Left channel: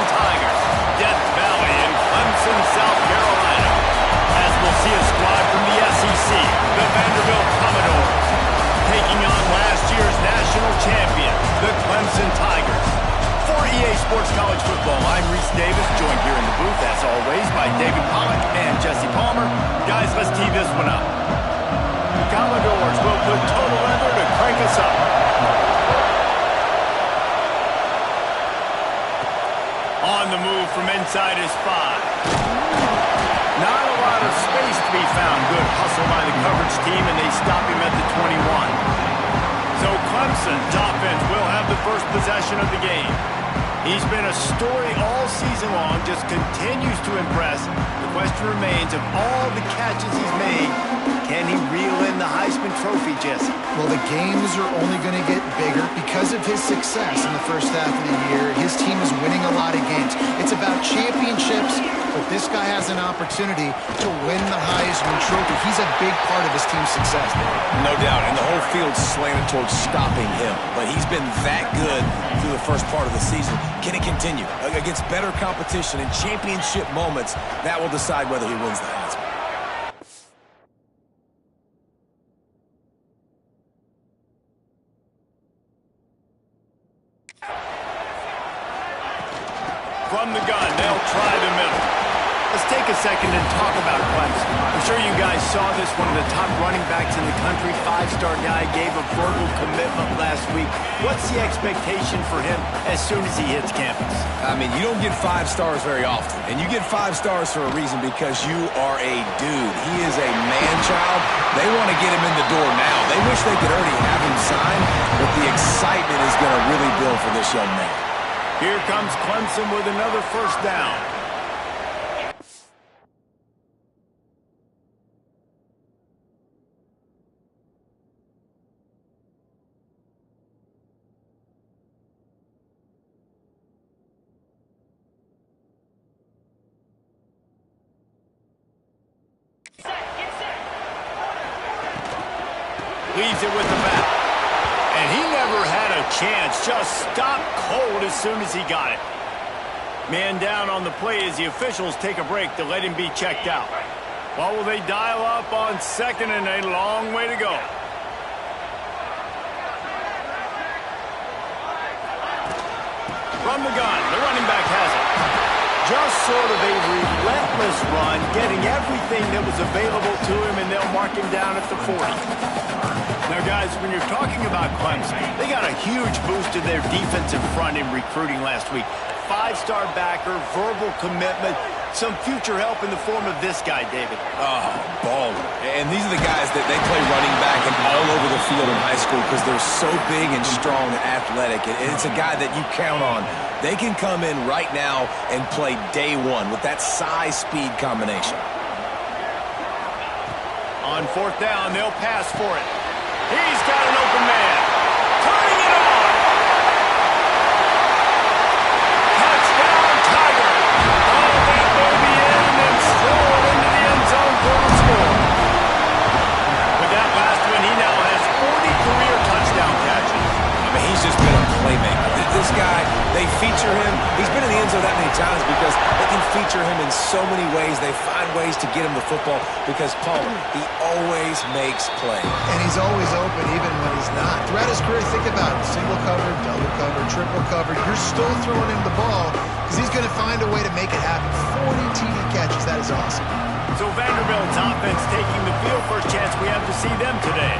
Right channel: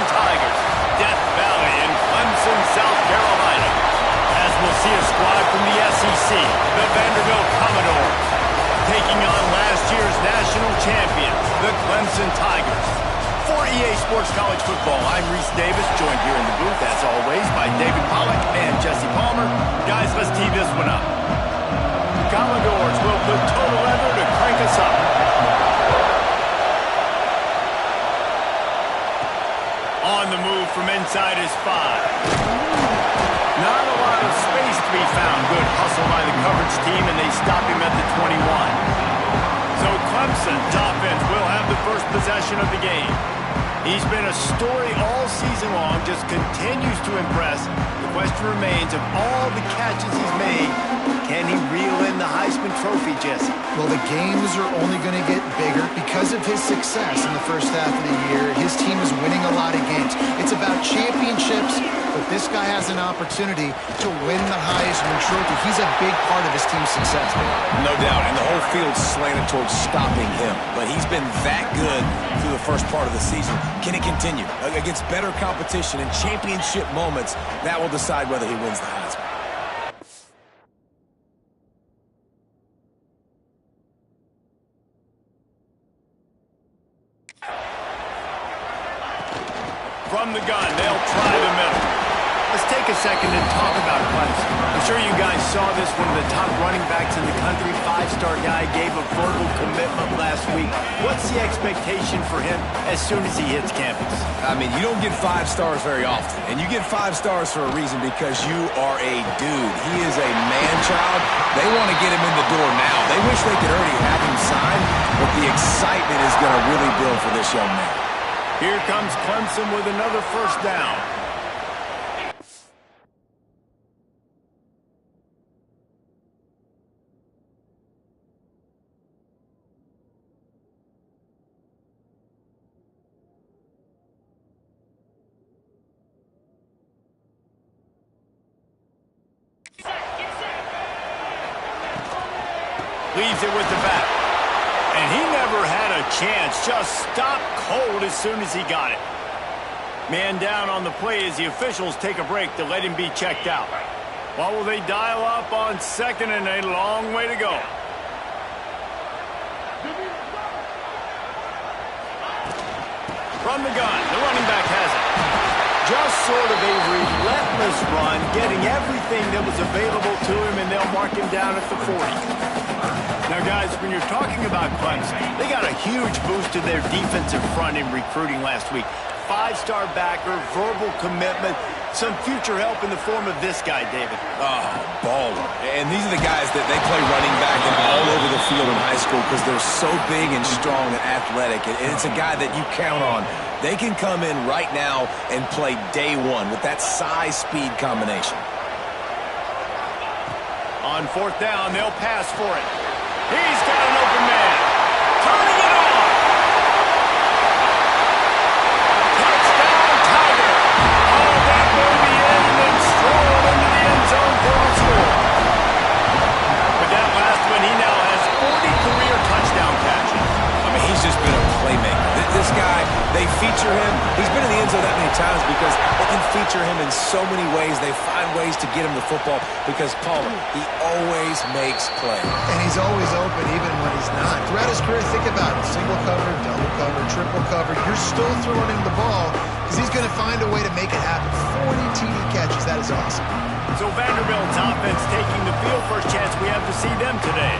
Clemson Tigers. Death Valley in Clemson, South Carolina. As we'll see a squad from the SEC, the Vanderbilt Commodores, taking on last year's national champions, the Clemson Tigers. For EA Sports College Football, I'm Reese Davis, joined here in the booth, as always, by David Pollack and Jesse Palmer. Guys, let's tee this one up. The Commodores will put total leather to crank us up. On the move from inside his 5. Not a lot of space to be found. Good hustle by the coverage team, and they stop him at the 21. So Clemson's offense will have the first possession of the game. He's been a story all season long, just continues to impress. The question remains, of all the catches he's made, can he reel in the Heisman Trophy, Jesse? Well, the games are only going to get bigger because of his success in the first half of the year. His team is winning a lot of games. It's about championships, but this guy has an opportunity to win the Heisman Trophy. He's a big part of his team's success, man. No doubt, and the whole field's slanted towards stopping him. But he's been that good through the first part of the season. Can it continue? Against better competition and championship moments, that will decide whether he wins the Heisman. From the gun, they'll try the middle. Let's take a second and talk about Clemson. I'm sure you guys saw this, one of the top running backs in the country, 5-star guy, gave a verbal commitment last week. What's the expectation for him as soon as he hits campus? I mean, you don't get 5 stars very often, and you get 5 stars for a reason, because you are a dude. He is a man-child. They want to get him in the door now. They wish they could already have him signed, but the excitement is going to really build for this young man. Here comes Clemson with another first down. Leaves it with the back. And he never had a chance. Just stopped cold as soon as he got it. Man down on the play as the officials take a break to let him be checked out. What will they dial up on second, and a long way to go? From the gun, the running back has it. Just sort of a relentless run, getting everything that was available to him, and they'll mark him down at the 40. Now, guys, when you're talking about Clemson, they got a huge boost to their defensive front in recruiting last week. 5-star backer, verbal commitment, some future help in the form of this guy, David. Oh, baller. And these are the guys that they play running back and all over the field in high school because they're so big and strong and athletic. And it's a guy that you count on. They can come in right now and play day one with that size-speed combination. On fourth down, they'll pass for it. He's got an open man. Turning it on. Touchdown, Tiger. Oh, that may be in, and then strolled into the end zone for the score. With that last one, he now has 40 career touchdown catches. I mean, he's just been a playmaker. This guy, they feature him. He's been in the end zone that many times because they can feature him in so many ways. They find ways to get him the football because, Palmer, he always makes plays. And he's always open even when he's not. Throughout his career, think about it. Single covered, double covered, triple covered. You're still throwing him the ball because he's going to find a way to make it happen. 40 TD catches. That is awesome. So Vanderbilt's offense taking the field. First chance we have to see them today.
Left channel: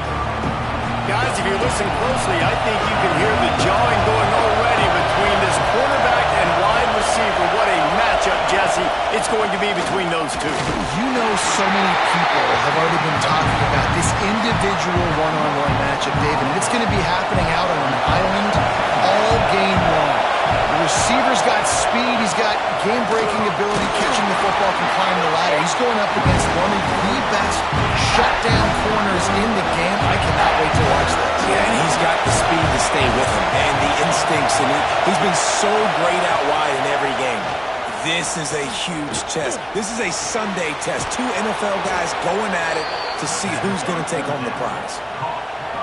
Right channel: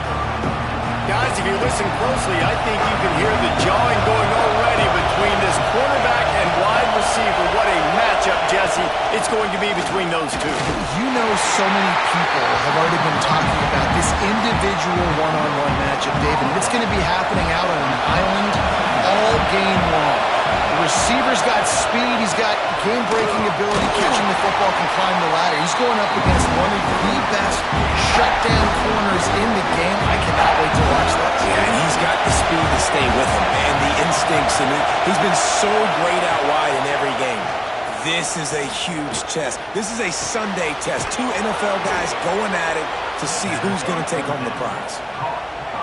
Guys, if you listen closely, I think you can hear the jawing going already between this quarterback and wide receiver. What a matchup, Jesse, it's going to be between those two. You know, so many people have already been talking about this individual one-on-one matchup, David. And it's going to be happening out on an island all game long. The receiver's got speed. He's got game-breaking ability, catching the football, can climb the ladder. He's going up against one of the best shutdown corners in the game. I cannot wait to watch this. Yeah, and he's got the speed to stay with him and the instincts, and he's been so great out wide in every game. This is a huge test. This is a Sunday test. 2 NFL guys going at it to see who's going to take home the prize.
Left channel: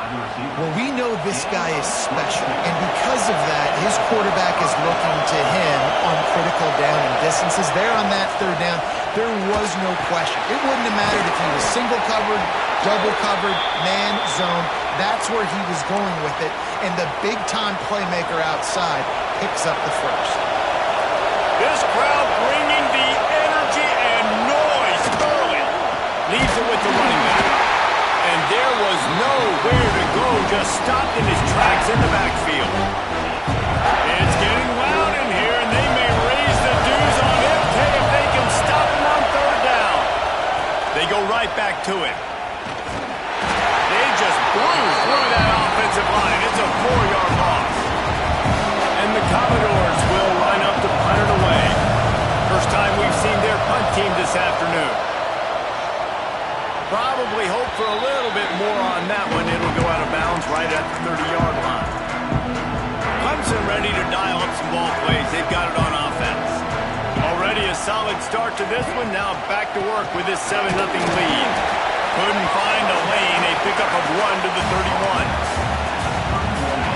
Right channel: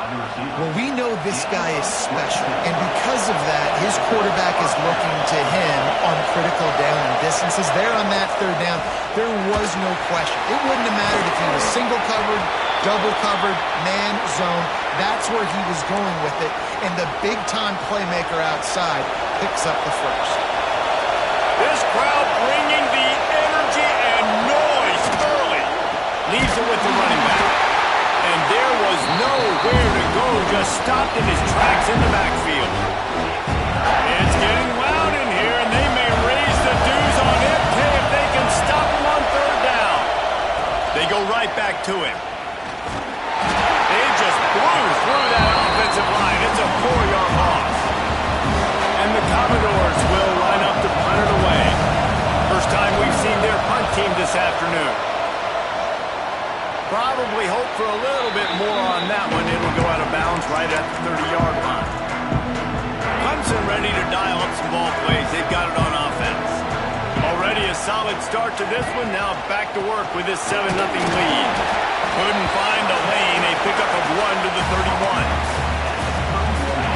Well, we know this guy is special, and because of that, his quarterback is looking to him on critical down and distances. There on that third down, there was no question. It wouldn't have mattered if he was single covered, double covered, man, zone. That's where he was going with it, and the big-time playmaker outside picks up the first. This crowd bringing the energy and noise early. Leaves it with the running back. And there was nowhere to go, just stopped in his tracks in the backfield. It's getting loud in here, and they may raise the dues on MK if they can stop him on third down. They go right back to him. They just blew through that offensive line. It's a 4-yard loss. And the Commodores will line up to punt it away. First time we've seen their punt team this afternoon. Probably hope for a little bit more on that one. It'll go out of bounds right at the 30-yard line. Clemson ready to dial up some ball plays. They've got it on offense. Already a solid start to this one. Now back to work with this 7-0 lead. Couldn't find a lane. A pickup of 1 to the 31.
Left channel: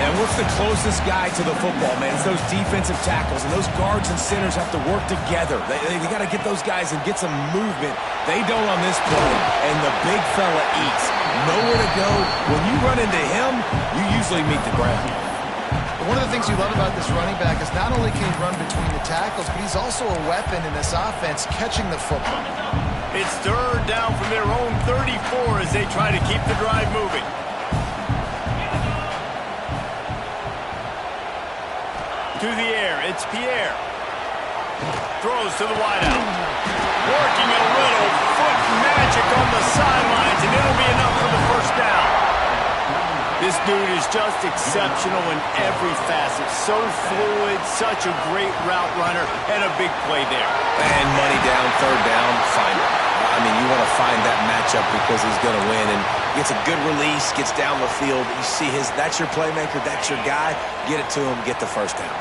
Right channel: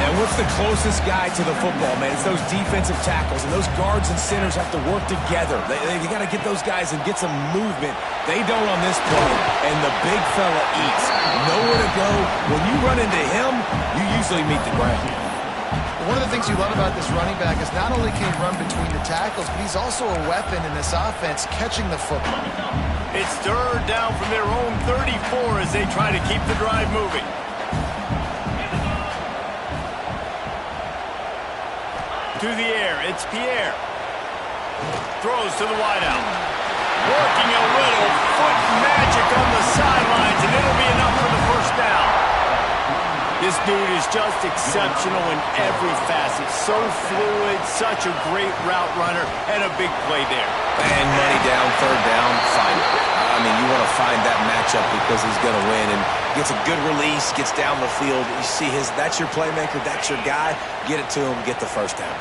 And what's the closest guy to the football, man? It's those defensive tackles, and those guards and centers have to work together. They got to get those guys and get some movement. They don't on this play, and the big fella eats. Nowhere to go. When you run into him, you usually meet the ground. One of the things you love about this running back is not only can he run between the tackles, but he's also a weapon in this offense catching the football. It's third down from their own 34 as they try to keep the drive moving. To the air, it's Pierre. Throws to the wideout. Working a little foot magic on the sidelines, and it'll be enough for the first down. This dude is just exceptional in every facet. So fluid, such a great route runner, and a big play there. And money down, third down, find it. I mean, you want to find that matchup because he's going to win, and gets a good release, gets down the field. You see that's your playmaker, that's your guy. Get it to him, get the first down.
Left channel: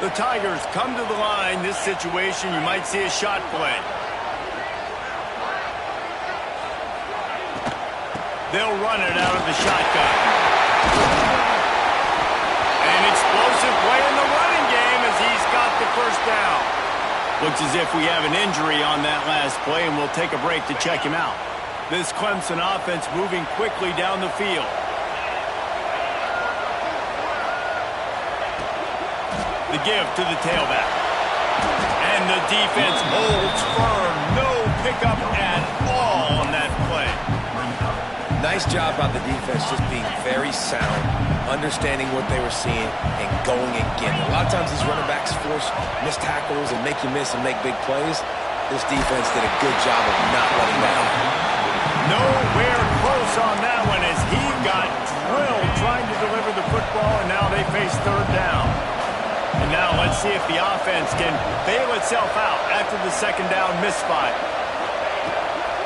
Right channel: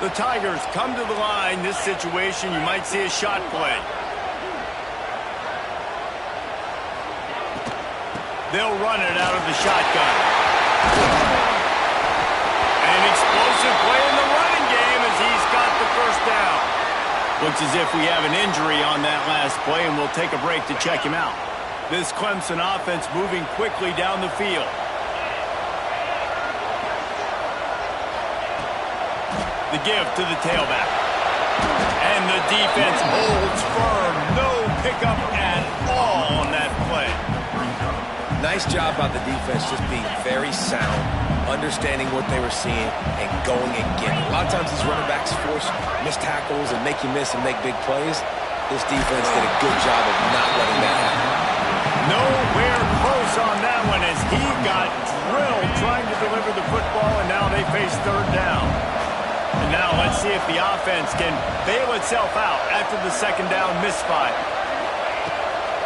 The Tigers come to the line. This situation, you might see a shot play. They'll run it out of the shotgun. An explosive play in the running game as he's got the first down. Looks as if we have an injury on that last play, and we'll take a break to check him out. This Clemson offense moving quickly down the field. The give to the tailback. And the defense holds firm. No pickup at all on that play. Nice job by the defense just being very sound, understanding what they were seeing, and going and getting it. A lot of times these running backs force missed tackles and make you miss and make big plays. This defense did a good job of not letting that happen. Nowhere close on that one as he got drilled trying to deliver the football, and now they face third down. And now let's see if the offense can bail itself out after the second down misfire.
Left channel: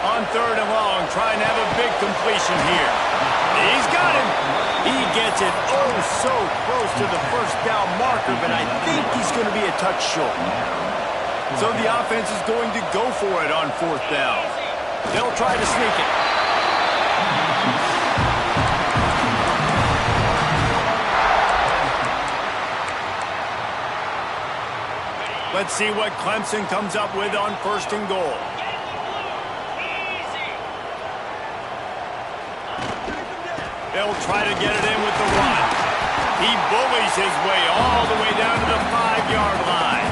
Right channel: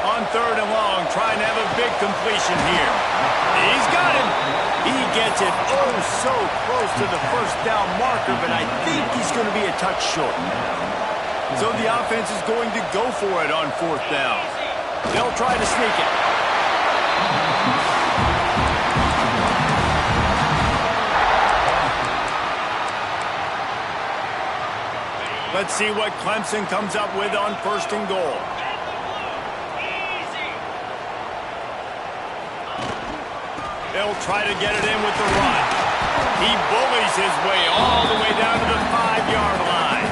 On third and long, trying to have a big completion here. He's got him. He gets it so close to the first down marker, but I think he's going to be a touch short. So the offense is going to go for it on fourth down. They'll try to sneak it. Let's see what Clemson comes up with on first and goal. They'll try to get it in with the run. He bullies his way all the way down to the 5-yard line.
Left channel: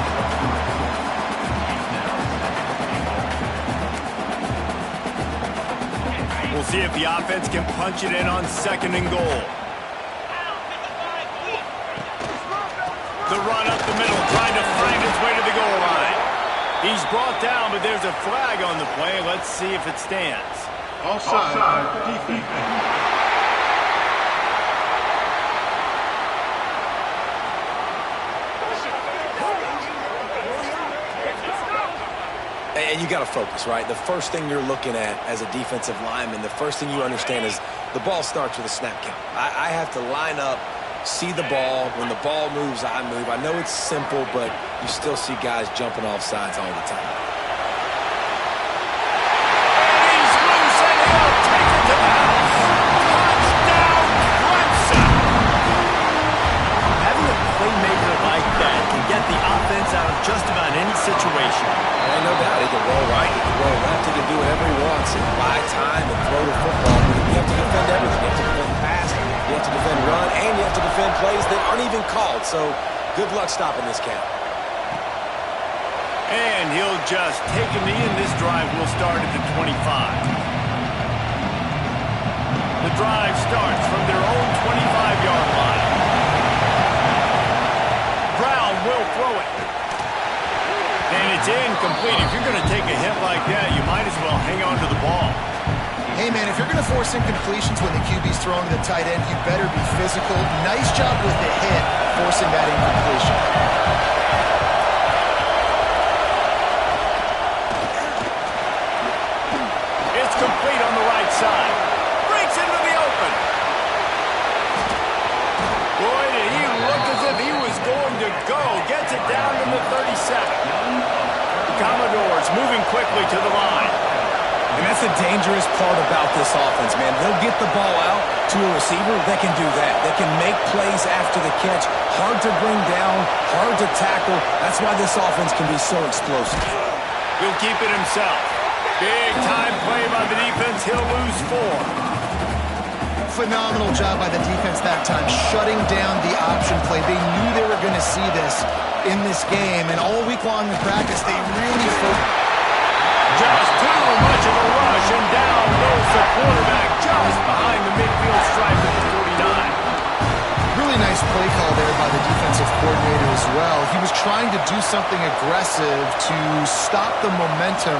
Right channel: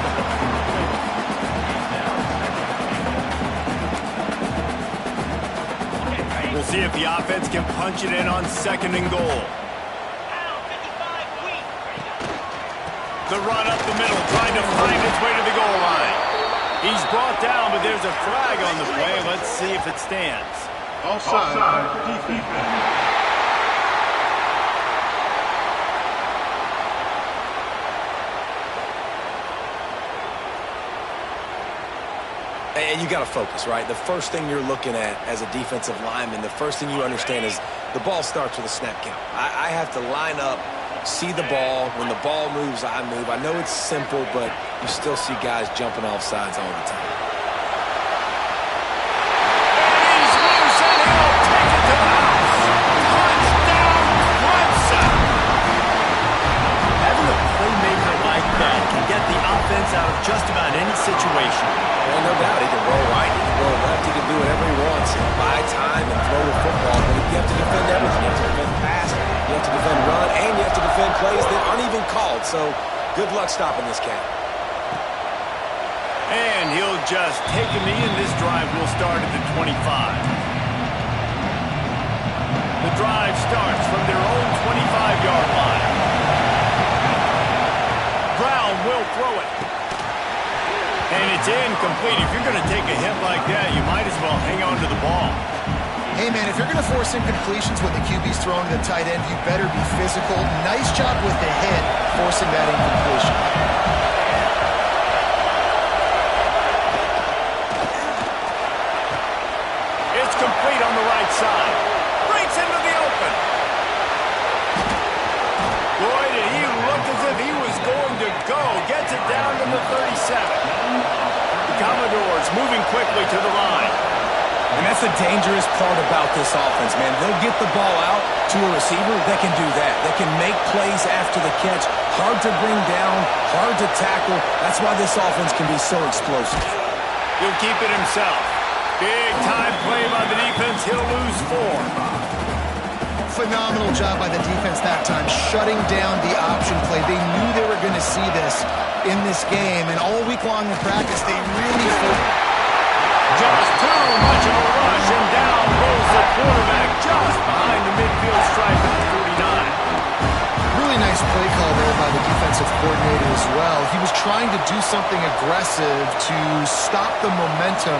We'll see if the offense can punch it in on second and goal. The run up the middle, trying to find its way to the goal line. He's brought down, but there's a flag on the play. Let's see if it stands. Offside, defense. And you got to focus, right? The first thing you're looking at as a defensive lineman, the first thing you understand is the ball starts with a snap count. I have to line up, see the ball. When the ball moves, I move. I know it's simple, but you still see guys jumping off sides all the time. And he's loose, and he'll take it to the house. Touchdown, get the offense out of just about any situation. Yeah, no doubt. He can roll right, he can roll left, he can do whatever he wants and buy time and throw the football. But you have to defend everything. You have to defend pass, you have to defend run, and you have to defend plays that aren't even called. So good luck stopping this cat. And he'll just take a knee, and this drive will start at the 25. The drive starts from their own 25-yard line. Brown will throw it. And it's incomplete. If you're going to take a hit like that, you might as well hang on to the ball. Hey, man, if you're going to force incompletions when the QB's throwing to the tight end, you better be physical. Nice job with the hit, forcing that incompletion. It's complete on the right side. Breaks into the open. Boy, did he look as if he was going to go. Gets it down to the 37. The Commodores moving quickly to the line. And that's the dangerous part about this offense, man. They'll get the ball out to a receiver that can do that. That can make plays after the catch. Hard to bring down, hard to tackle. That's why this offense can be so explosive. He'll keep it himself. Big time play by the defense. He'll lose 4. Phenomenal job by the defense that time, shutting down the option play. They knew they were going to see this in this game, and all week long in practice, they really focused. Just too much of a rush, and down goes the quarterback just behind the midfield stripe at the 49. Really nice play call there by the defensive coordinator as well. He was trying to do something aggressive to stop the momentum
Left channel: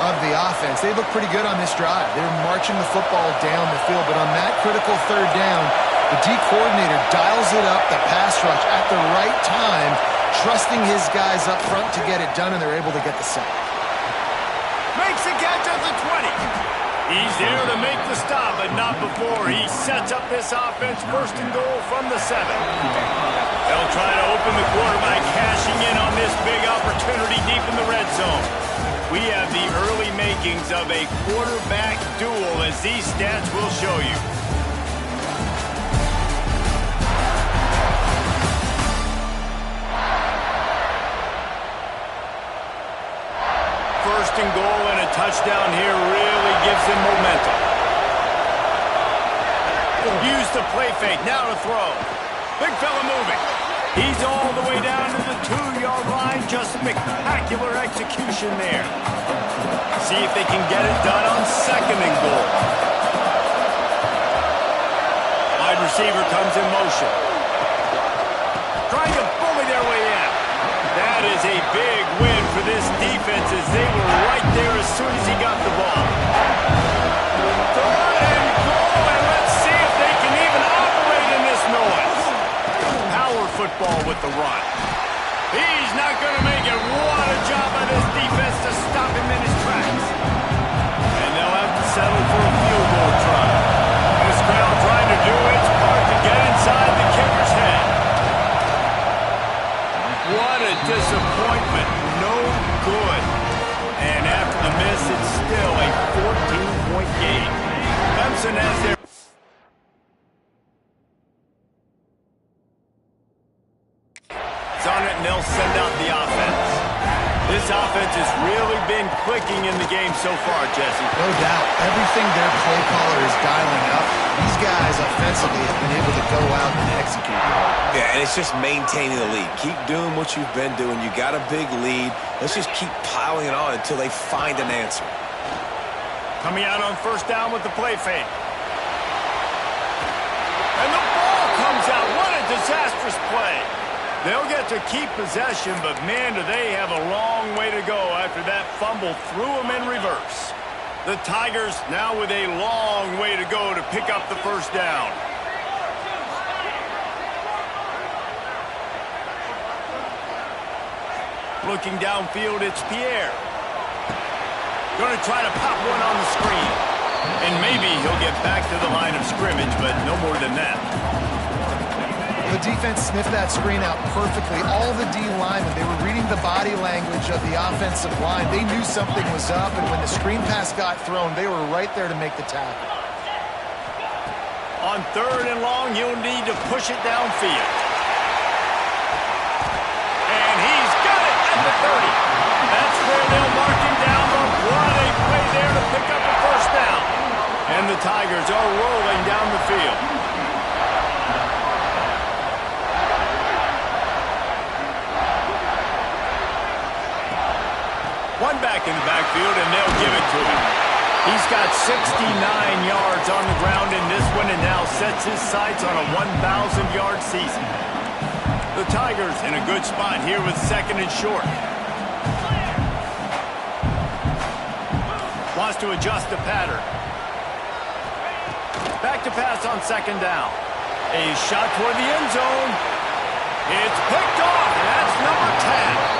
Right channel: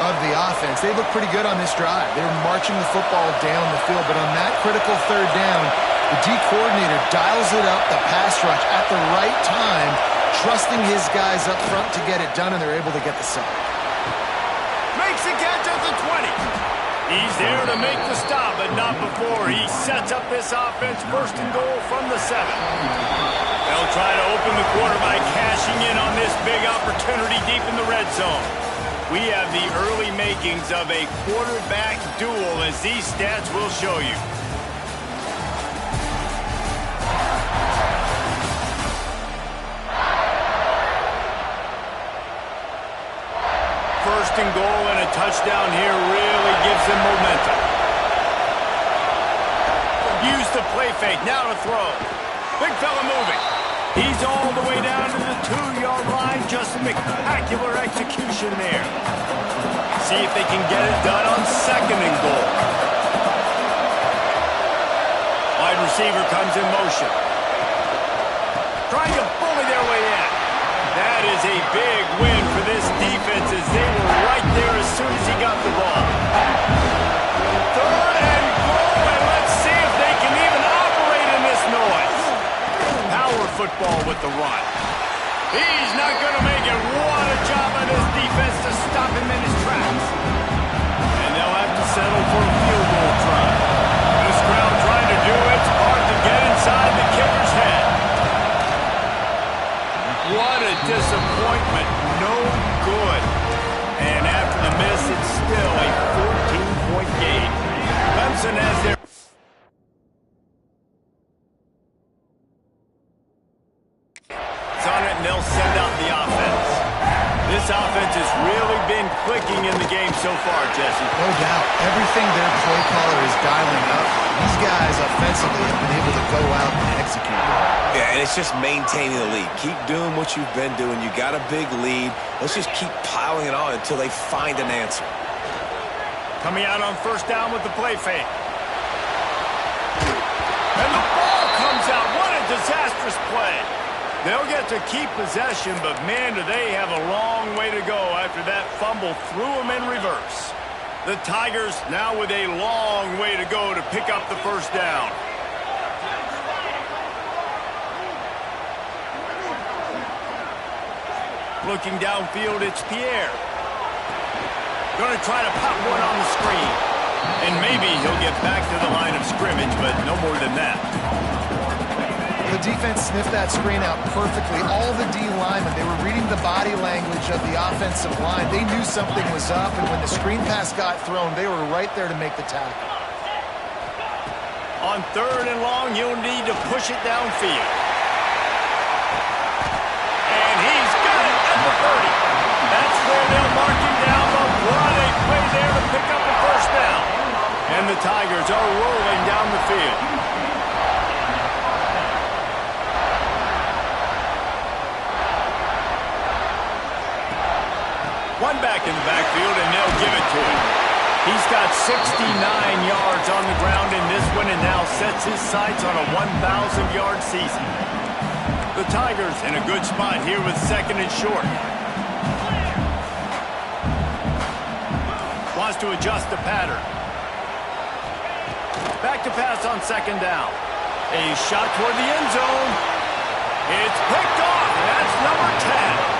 of the offense. They look pretty good on this drive. They were marching the football down the field, but on that critical third down, the D coordinator dials it up, the pass rush at the right time, trusting his guys up front to get it done, and they're able to get the sack. Makes the catch at the 20. He's there to make the stop, but not before he sets up this offense first and goal from the 7. They'll try to open the quarter by cashing in on this big opportunity deep in the red zone. We have the early makings of a quarterback duel, as these stats will show you. First and goal, and a touchdown here really gives them momentum. Use the play fake, now to throw. Big fella moving. He's all the way down to the 2-yard line. Just spectacular execution there. See if they can get it done on second and goal. Wide receiver comes in motion. Trying to bully their way in. That is a big win for this defense, as they were right there as soon as he got the ball. Third and goal, and let's see if they can even operate in this noise. Power football with the run. He's not going to make it. What a job by this defense to stop him in his tracks. And they'll have to settle for a field goal try. This crowd trying to do its part to get inside the kicker's head. What a disappointment. No good. And after the miss, it's still a 14-point game. Clemson has their... It's on it, and they'll send out the offense. This offense has really been clicking in the game so far, Jesse. No doubt. Everything their play caller is dialing up, these guys offensively have been able to go out and execute. Yeah, and it's just maintaining the lead. Keep doing what you've been doing. You got a big lead. Let's just keep piling it on until they find an answer. Coming out on first down with the play fake. And the ball comes out. What a disastrous play. They'll get to keep possession, but man, do they have a long way to go after that fumble threw them in reverse. The Tigers now with a long way to go to pick up the first down. Looking downfield, it's Pierre. Going to try to pop one on the screen. And maybe he'll get back to the line of scrimmage, but no more than that. The defense sniffed that screen out perfectly. All the D linemen, they were reading the body language of the offensive line. They knew something was up, and when the screen pass got thrown, they were right there to make the tackle. On third and long, you'll need to push it downfield. And the 30. That's where they'll mark him down, but what a play there to pick up a first down. And the Tigers are rolling down the field. One back in the backfield, and they'll give it to him. He's got 69 yards on the ground in this one and now sets his sights on a 1,000-yard season. The Tigers in a good spot here with second and short. Wants to adjust the pattern. Back to pass on second down. A shot toward the end zone. It's picked off, and that's number 10.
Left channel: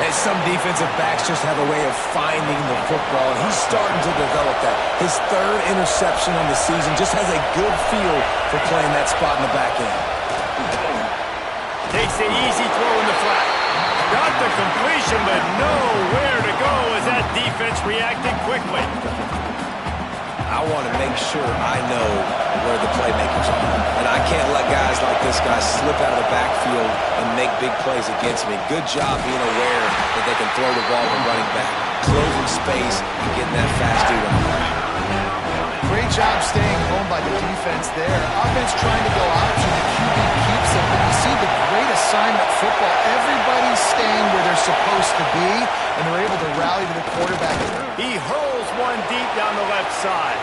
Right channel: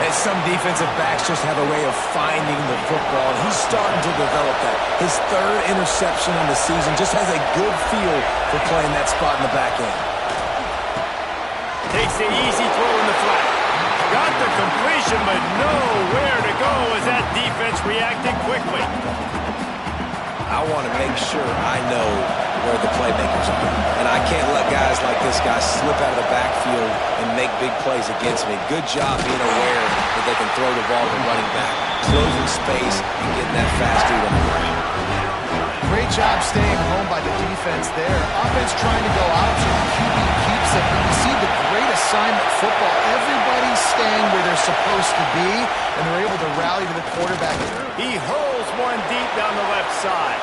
And some defensive backs just have a way of finding the football, and he's starting to develop that. His third interception on the season, just has a good feel for playing that spot in the back end. Takes the easy throw in the flat. Got the completion, but nowhere to go as that defense reacted quickly. I want to make sure I know where the playmakers are. And I can't let guys like this guy slip out of the backfield and make big plays against me. Good job being aware that they can throw the ball to running back, closing space, and getting that fast dude on the ground. Great job staying home by the defense there. Offense trying to go option, and QB keeps it. But you see the great assignment football. Everybody's staying where they're supposed to be, and they're able to rally to the quarterback. He hurls one deep down the left side.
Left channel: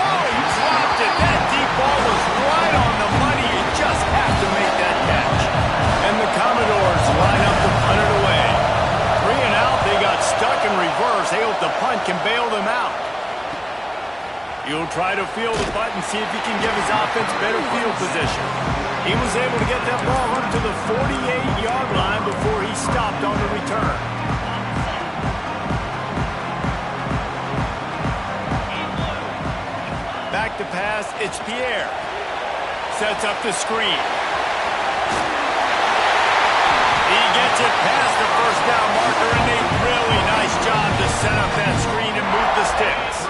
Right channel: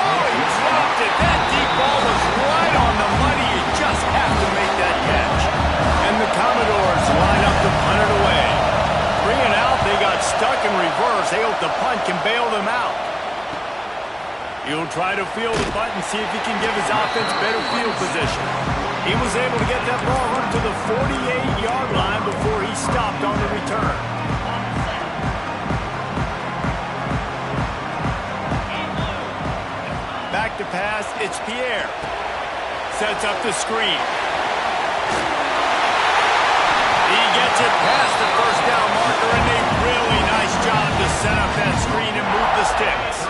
Oh, he dropped it. That deep ball was right on the money. You just have to make that catch. And the Commodores line up to punt it away. 3 and out, they got stuck in reverse. They hope the punt can bail them out. He'll try to field the punt and see if he can give his offense better field position. He was able to get that ball up to the 48-yard line before he stopped on the return. Back to pass, it's Pierre. Sets up the screen. He gets it past the first down marker, and a really nice job to set up that screen and move the sticks.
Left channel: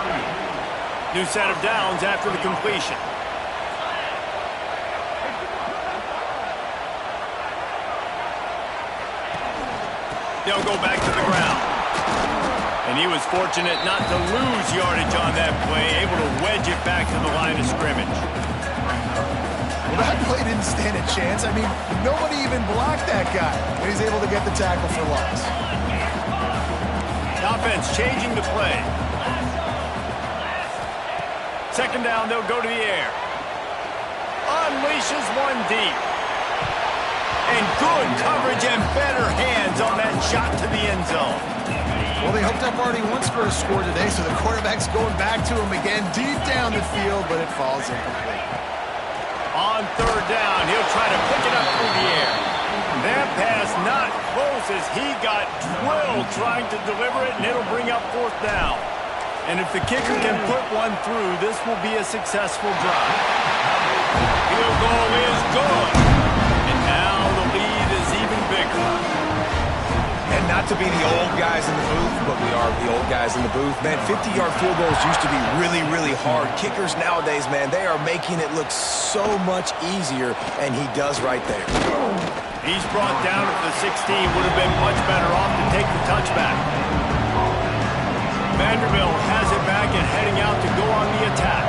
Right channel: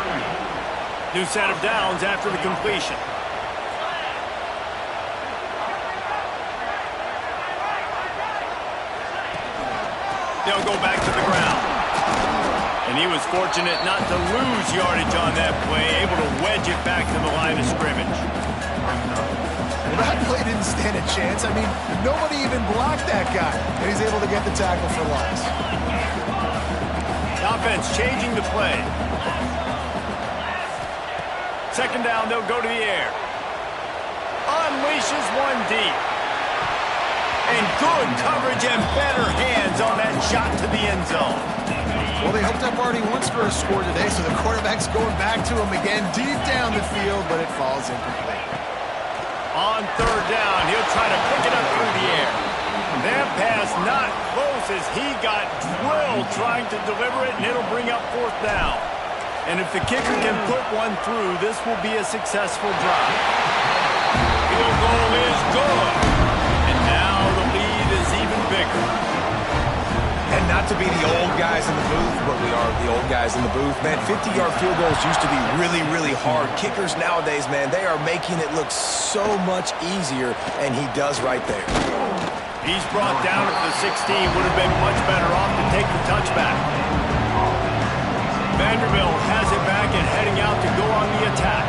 New set of downs after the completion. They'll go back to the ground. And he was fortunate not to lose yardage on that play, able to wedge it back to the line of scrimmage. Well, that play didn't stand a chance. I mean, nobody even blocked that guy. And he's able to get the tackle for loss. The offense changing the play. Second down, they'll go to the air. Unleashes one deep. And good coverage and better hands on that shot to the end zone. Well, they hooked up already once for a score today, so the quarterback's going back to him again deep down the field, but it falls incomplete. On third down, he'll try to pick it up through the air. That pass not close as he got drilled trying to deliver it, and it'll bring up fourth down. And if the kicker can put one through, this will be a successful drive. Field goal is good. And now the lead is even bigger. And not to be the old guys in the booth, but we are the old guys in the booth. Man, 50-yard field goals used to be really, really hard. Kickers nowadays, man, they are making it look so much easier, and he does right there. He's brought down at the 16. Would have been much better off to take the touchback. Vanderbilt has it back and heading out to go on the attack.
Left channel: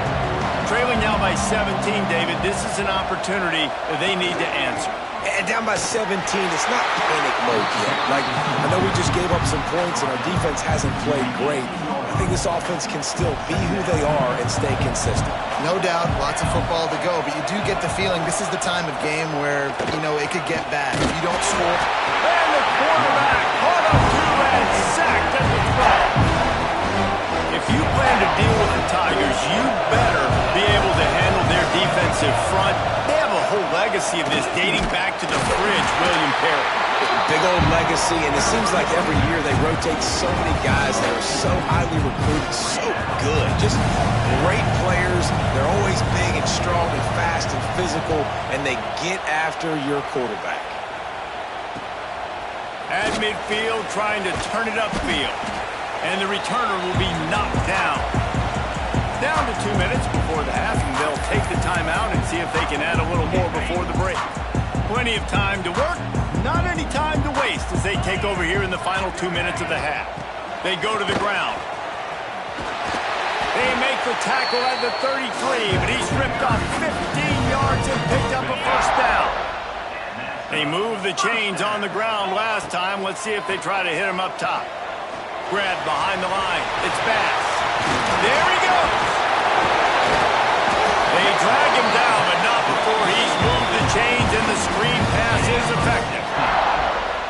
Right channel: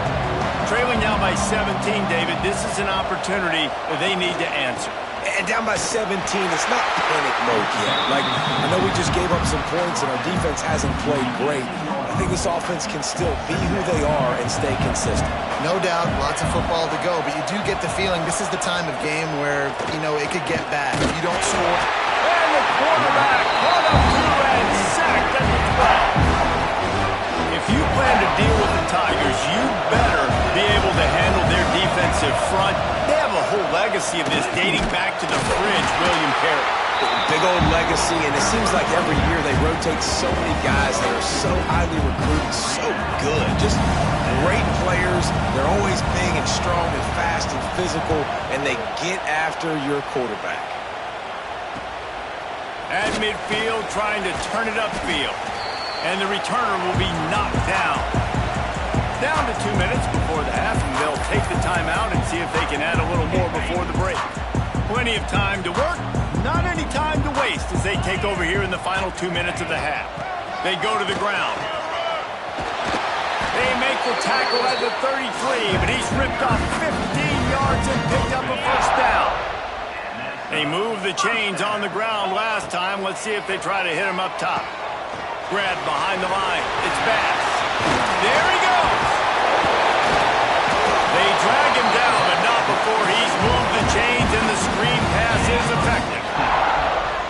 Trailing now by 17, David. This is an opportunity that they need to answer. And down by 17, it's not panic mode yet. Like, I know we just gave up some points and our defense hasn't played great. I think this offense can still be who they are and stay consistent. No doubt, lots of football to go, but you do get the feeling this is the time of game where, you know, it could get bad. If you don't score. And the quarterback caught up to and sacked at the 12. If you plan to deal with the Tigers, you better be able to handle their defensive front. They have a whole legacy of this dating back to the fridge, William Perry. Big old legacy, and it seems like every year they rotate so many guys that are so highly recruited, so good. Just great players. They're always big and strong and fast and physical, and they get after your quarterback. At midfield, trying to turn it upfield. And the returner will be knocked down. Down to 2 minutes before the half, and they'll take the timeout and see if they can add a little more before the break. Plenty of time to work. Not any time to waste as they take over here in the final 2 minutes of the half. They go to the ground. They make the tackle at the 33, but he's ripped off 15 yards and picked up a first down. They moved the chains on the ground last time. Let's see if they try to hit him up top. Grabbed behind the line. It's Bass. There he goes. They drag him down, but not before he's moved the chains, and the screen pass is effective.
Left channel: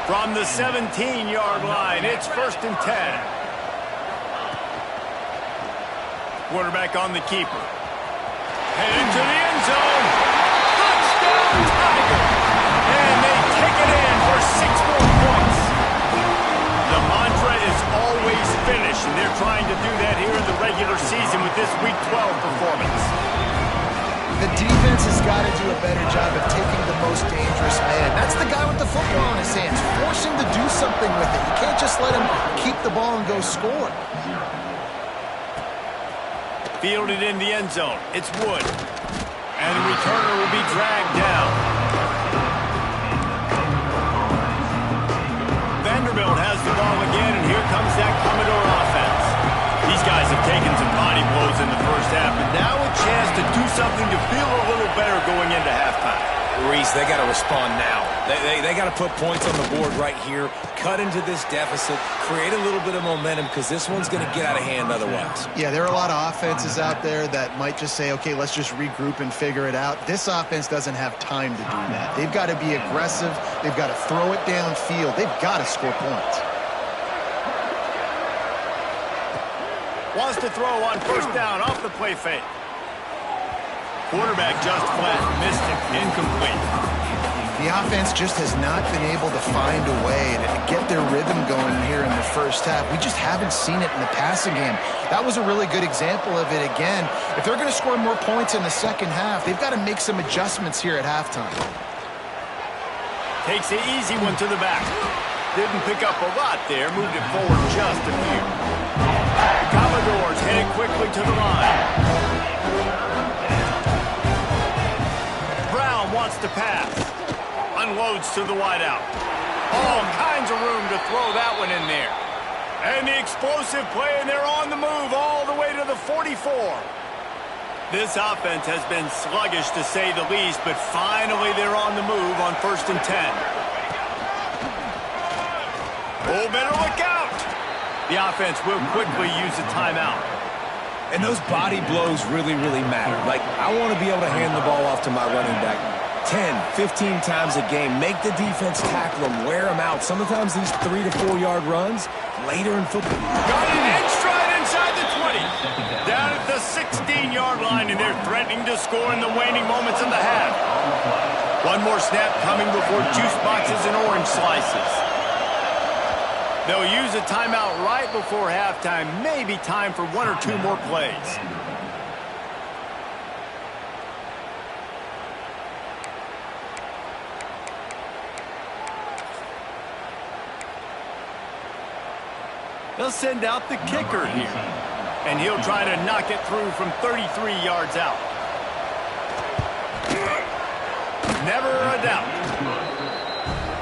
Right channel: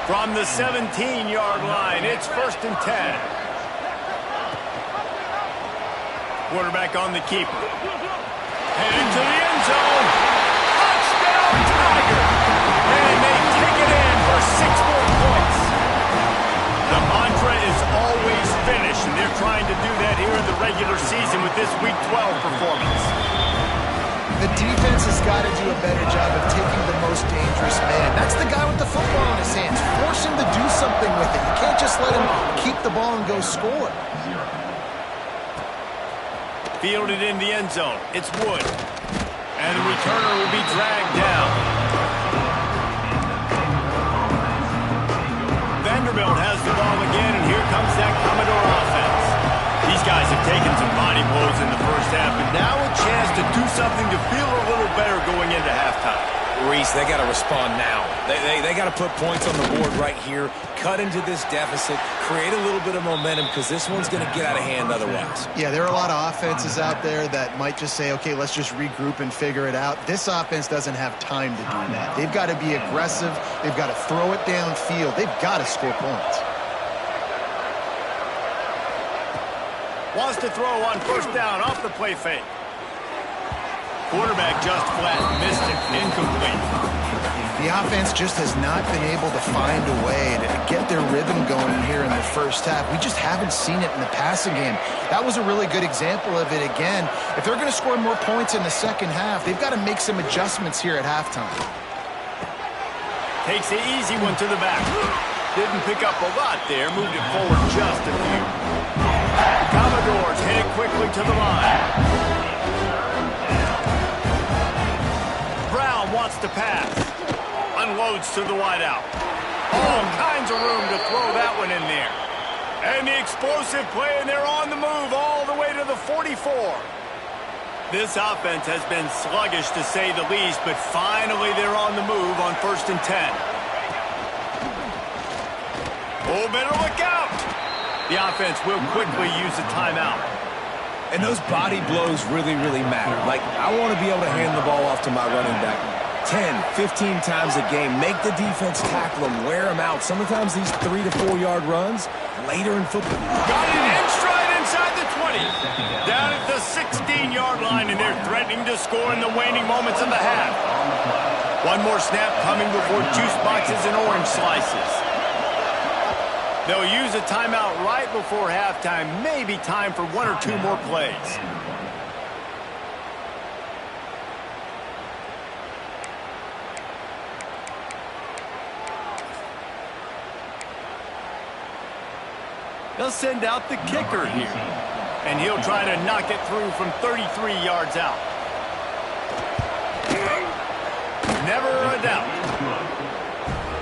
From the 17-yard line, it's 1st and 10. Quarterback on the keeper. Headed to the end zone. Touchdown, Tiger. And they take it in for 6 more points. The mantra is always finish, and they're trying to do that here in the regular season with this Week 12 performance. The defense has got to do a better job of taking the most dangerous man. That's the guy with the football in his hands. Force him to do something with it. You can't just let him keep the ball and go score. Fielded in the end zone. It's Wood. And the returner will be dragged down. Vanderbilt has the ball again, and here comes that Commodore offense. These guys have taken some body blows in the first half, but now a chance to do something to feel a little better going into halftime. Reese, they got to respond now. They got to put points on the board right here, cut into this deficit, create a little bit of momentum, because this one's going to get out of hand otherwise. Yeah, there are a lot of offenses out there that might just say, okay, let's just regroup and figure it out. This offense doesn't have time to do that. They've got to be aggressive. They've got to throw it downfield. They've got to score points. Wants to throw on 1st down off the play fake. Quarterback just flat missed it. Incomplete. The offense just has not been able to find a way to get their rhythm going here in the first half. We just haven't seen it in the passing game. That was a really good example of it again. If they're going to score more points in the second half, they've got to make some adjustments here at halftime. Takes the easy one to the back. Didn't pick up a lot there. Moved it forward just a few. Commodores headed quickly to the line. Brown wants to pass. Unloads to the wideout. All kinds of room to throw that one in there. And the explosive play, and they're on the move all the way to the 44. This offense has been sluggish to say the least, but finally they're on the move on 1st and 10. Oh, better look out. The offense will quickly use a timeout. And those body blows really, really matter. Like, I want to be able to hand the ball off to my running back 10, 15 times a game. Make the defense tackle them, wear them out. Sometimes these 3 to 4 yard runs later in football. Got it in stride inside the 20. Down at the 16-yard line, and they're threatening to score in the waning moments of the half. One more snap coming before juice boxes and orange slices. They'll use a timeout right before halftime. Maybe time for 1 or 2 more plays. They'll send out the kicker here. And he'll try to knock it through from 33 yards out. Never a doubt.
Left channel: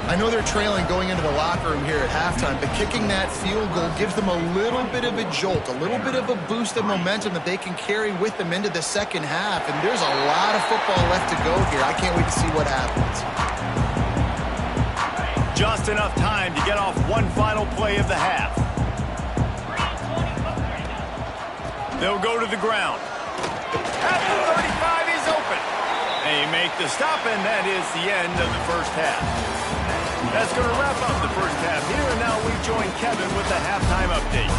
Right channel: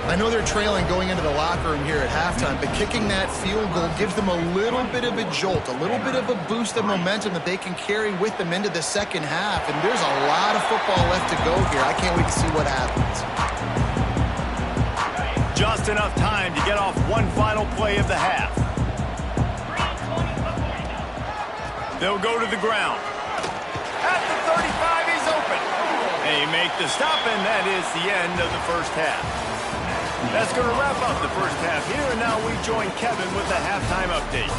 I know they're trailing going into the locker room here at halftime, but kicking that field goal gives them a little bit of a jolt, a little bit of a boost of momentum that they can carry with them into the second half. And there's a lot of football left to go here. I can't wait to see what happens. Just enough time to get off one final play of the half. They'll go to the ground. At the 35, he's open. They make the stop, and that is the end of the first half. That's going to wrap up the first half here, and now we join Kevin with the halftime update.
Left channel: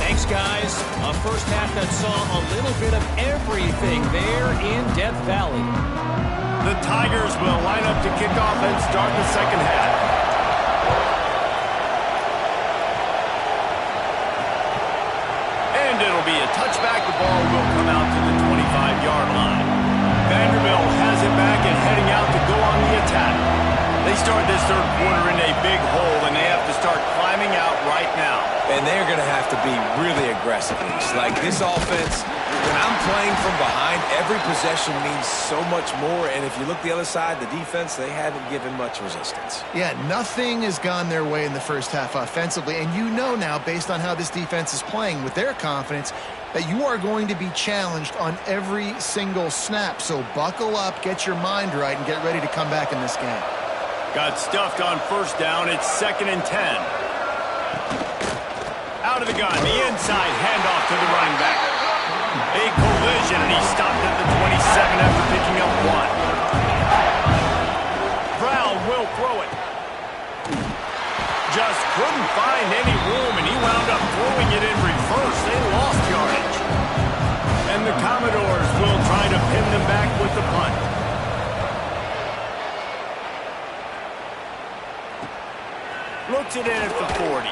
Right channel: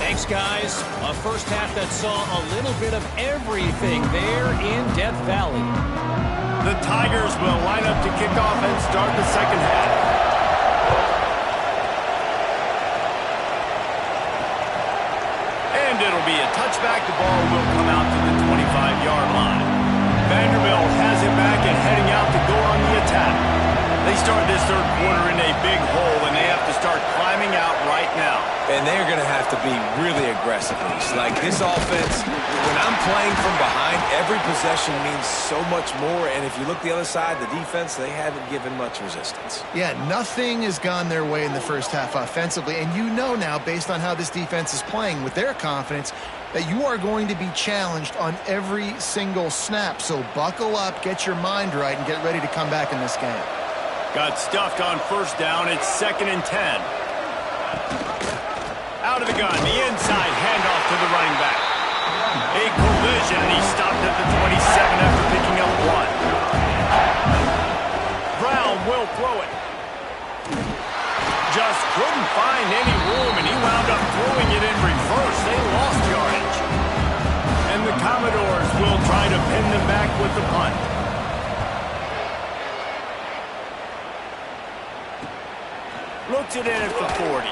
Thanks, guys. A first half that saw a little bit of everything there in Death Valley. The Tigers will line up to kick off and start the second half. And it'll be a touchback. The ball will come out to the 25-yard line. Vanderbilt has it back and heading out to go on the attack. They start this third quarter in a big hole, and they have to start climbing out right now. And they're going to have to be really aggressive. Like this offense, when I'm playing from behind, every possession means so much more. And if you look the other side, the defense, they haven't given much resistance. Yeah, nothing has gone their way in the first half offensively. And you know now, based on how this defense is playing with their confidence, that you are going to be challenged on every single snap. So buckle up, get your mind right, and get ready to come back in this game. Got stuffed on first down. It's 2nd and 10. Out of the gun, the inside handoff to the running back. A collision, and he stopped at the 27 after picking up 1. Brown will throw it. Just couldn't find any room, and he wound up throwing it in reverse. They lost yardage. And the Commodores will try to pin them back with the punt. Looks it in at the 40.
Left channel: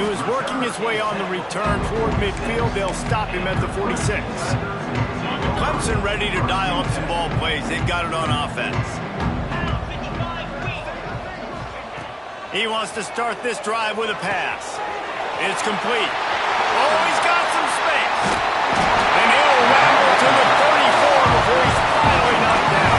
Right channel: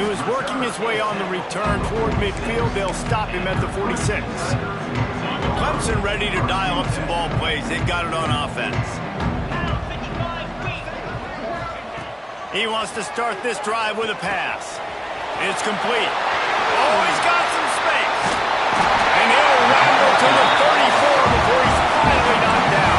He was working his way on the return toward midfield. They'll stop him at the 46. Clemson ready to dial up some ball plays. They've got it on offense. He wants to start this drive with a pass. It's complete. Oh, he's got some space. And he'll ramble to the 34 before he's finally knocked down.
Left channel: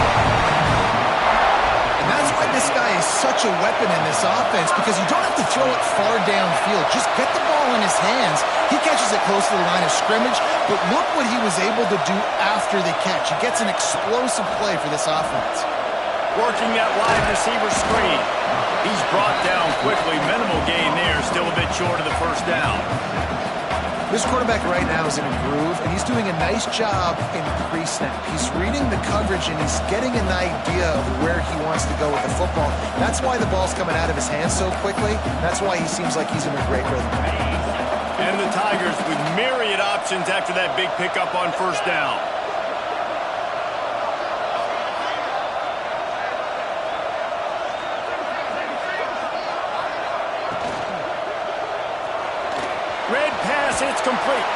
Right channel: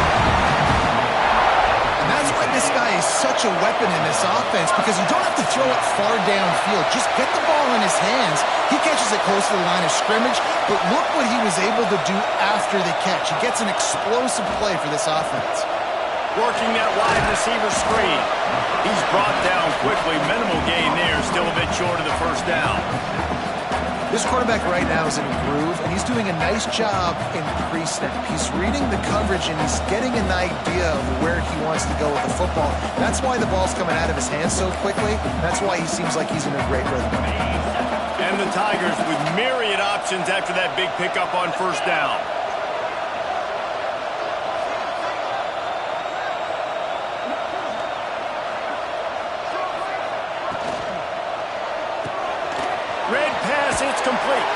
And that's why this guy is such a weapon in this offense, because you don't have to throw it far downfield. Just get the ball in his hands. He catches it close to the line of scrimmage, but look what he was able to do after the catch. He gets an explosive play for this offense. Working that wide receiver screen. He's brought down quickly. Minimal gain there. Still a bit short of the first down. This quarterback right now is in a groove, and he's doing a nice job in pre-snap. He's reading the coverage, and he's getting an idea of where he wants to go with the football. That's why the ball's coming out of his hands so quickly. That's why he seems like he's in a great rhythm. And the Tigers with myriad options after that big pickup on first down. Red pass, it's complete.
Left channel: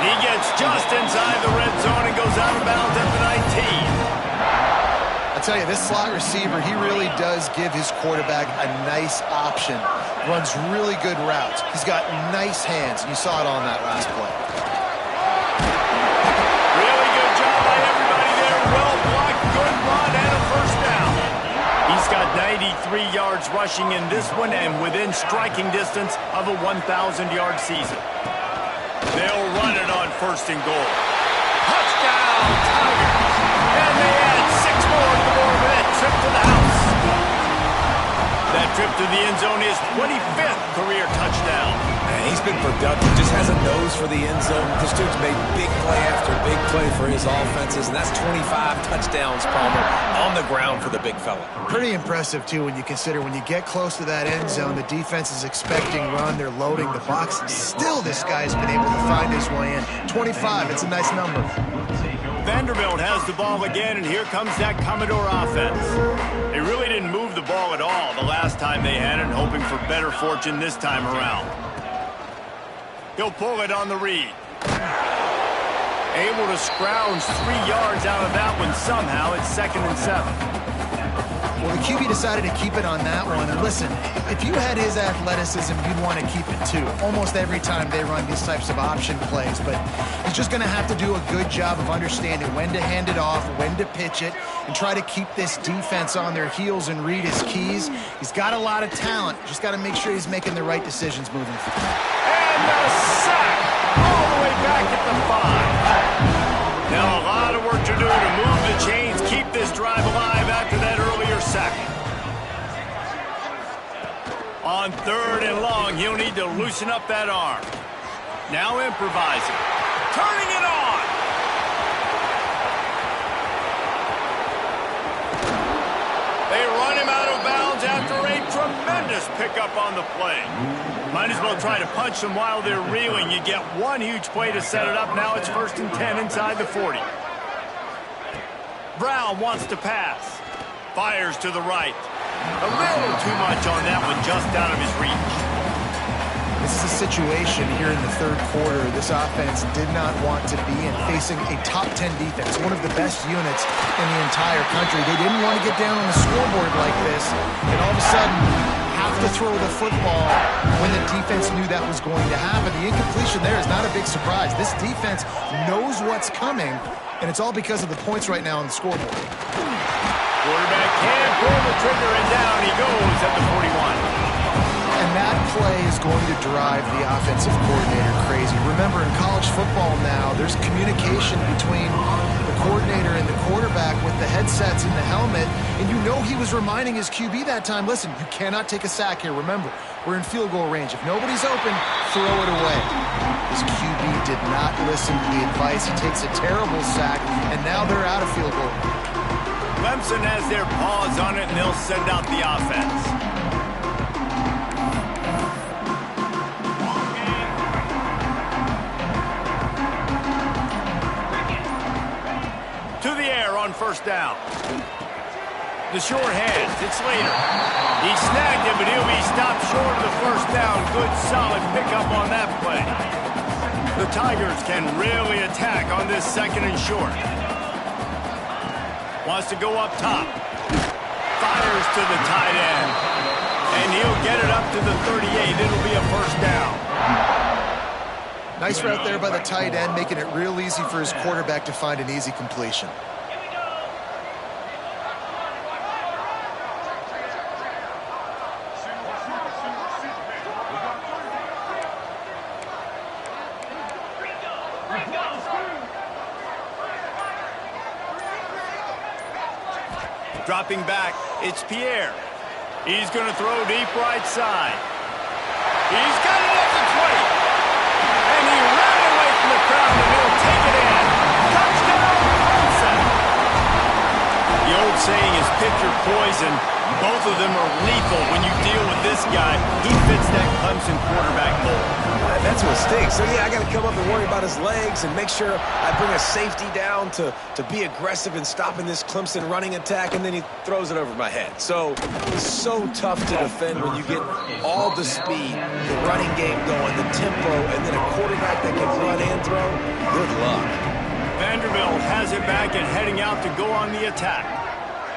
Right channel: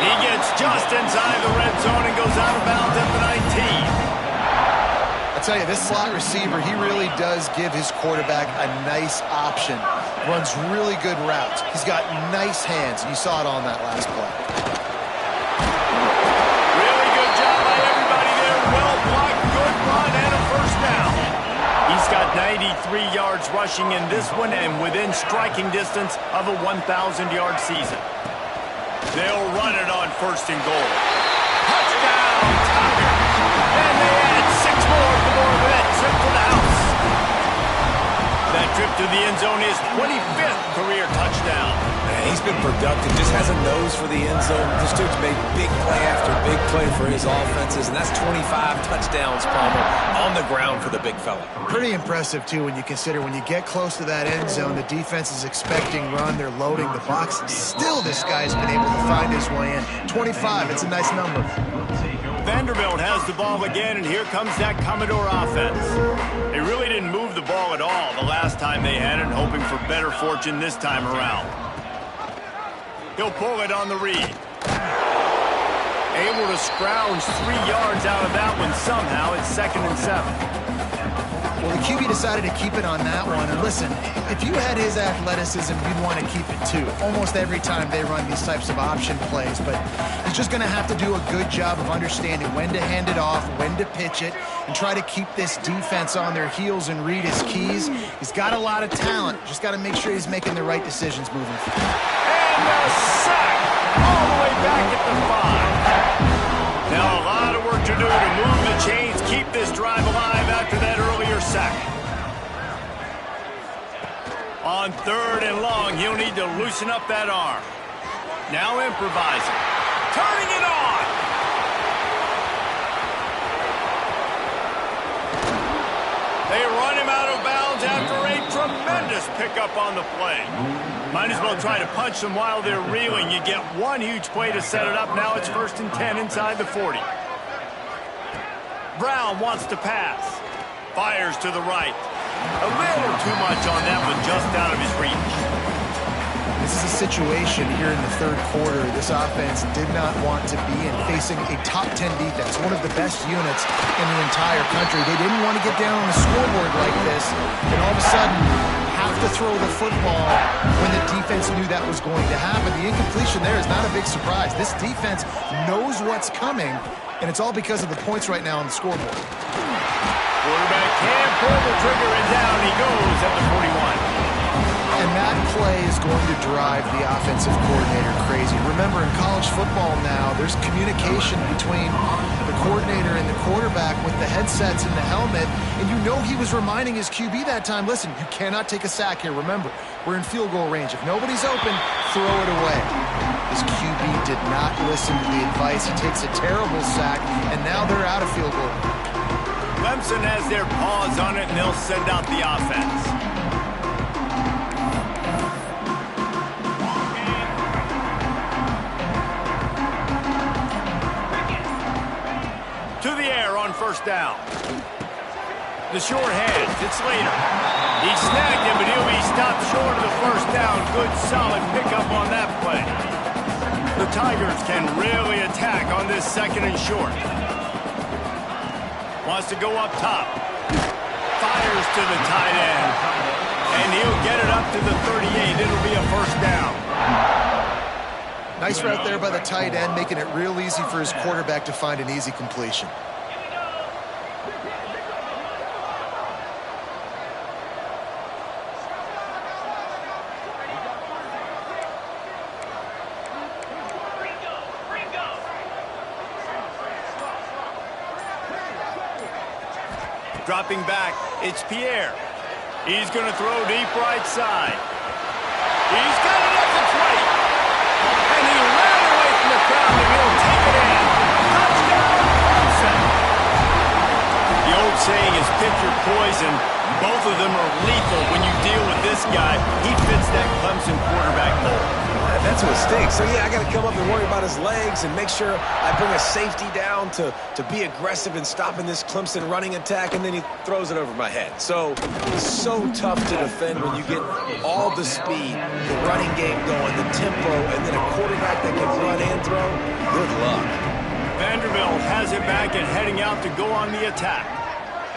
He gets just inside the red zone and goes out of bounds at the 19. I tell you, this slot receiver, he really does give his quarterback a nice option. Runs really good routes. He's got nice hands, and you saw it on that last play. Really good job by everybody there. Well blocked, good run, and a first down. He's got 93 yards rushing in this one and within striking distance of a 1,000-yard season. They'll run it on 1st and goal. Touchdown, Tigers! And they add 6 more to the board with that trip to the house. That trip to the end zone is 25th career touchdown. Man, he's been productive, just has a nose for the end zone. This dude's made big play after big play for his offenses, and that's 25 touchdowns, Palmer, on the ground for the big fella. Pretty impressive, too, when you consider when you get close to that end zone, the defense is expecting run, they're loading the box. Still, this guy's been able to find his way in. 25, it's a nice number. Vanderbilt has the ball again, and here comes that Commodore offense. They really didn't move the ball at all the last time they had it, hoping for better fortune this time around. He'll pull it on the read. Able to scrounge 3 yards out of that one somehow. It's 2nd and 7. Well, the QB decided to keep it on that one. And listen, if you had his athleticism, you'd want to keep it too. Almost every time they run these types of option plays. But he's just going to have to do a good job of understanding when to hand it off, when to pitch it, and try to keep this defense on their heels and read his keys. He's got a lot of talent. Just got to make sure he's making the right decisions moving forward. And a sack all the way back at the 5. Now a lot of work to do to move the chains, keep this drive alive after that earlier sack. On 3rd and long, he'll need to loosen up that arm. Now improvising. Turning it on. They run him out of bounds after a tremendous pickup on the play. Might as well try to punch them while they're reeling. You get one huge play to set it up. Now it's 1st and 10 inside the 40. Brown wants to pass. Fires to the right. A little too much on that one, just out of his reach. This is a situation here in the third quarter this offense did not want to be in, facing a top 10 defense, one of the best units in the entire country. They didn't want to get down on the scoreboard like this and all of a sudden have to throw the football when the defense knew that was going to happen. The incompletion there is not a big surprise. This defense knows what's coming, and it's all because of the points right now on the scoreboard. Quarterback can pull the trigger, and down he goes at the 41. And that play is going to drive the offensive coordinator crazy. Remember, in college football now, there's communication between the coordinator and the quarterback with the headsets and the helmet, and you know he was reminding his QB that time, listen, you cannot take a sack here. Remember, we're in field goal range. If nobody's open, throw it away. His QB did not listen to the advice. He takes a terrible sack, and now they're out of field goal. Clemson has their paws on it, and they'll send out the offense. To the air on first down. The short hands, it's Slater. He snagged him, but he'll be stopped short of the first down. Good, solid pickup on that play. The Tigers can really attack on this second and short. Wants to go up top. Fires to the tight end. And he'll get it up to the 38. It'll be a first down. Nice route there by the tight end, making it real easy for his quarterback to find an easy completion. Dropping back, it's Pierre. He's going to throw deep right side. He's got it at the 20. And he ran away from the crowd, and he'll take it in. Touchdown, Clemson. The old saying is pick your poison. Both of them are lethal when you deal with this guy. He fits that Clemson quarterback mold. That's what stinks. So, yeah, I got to come up and worry about his legs and make sure I bring a safety down to be aggressive in stopping this Clemson running attack, and then he throws it over my head. So, it's so tough to defend when you get all the speed, the running game going, the tempo, and then a quarterback that can run and throw. Good luck. Vanderbilt has it back and heading out to go on the attack.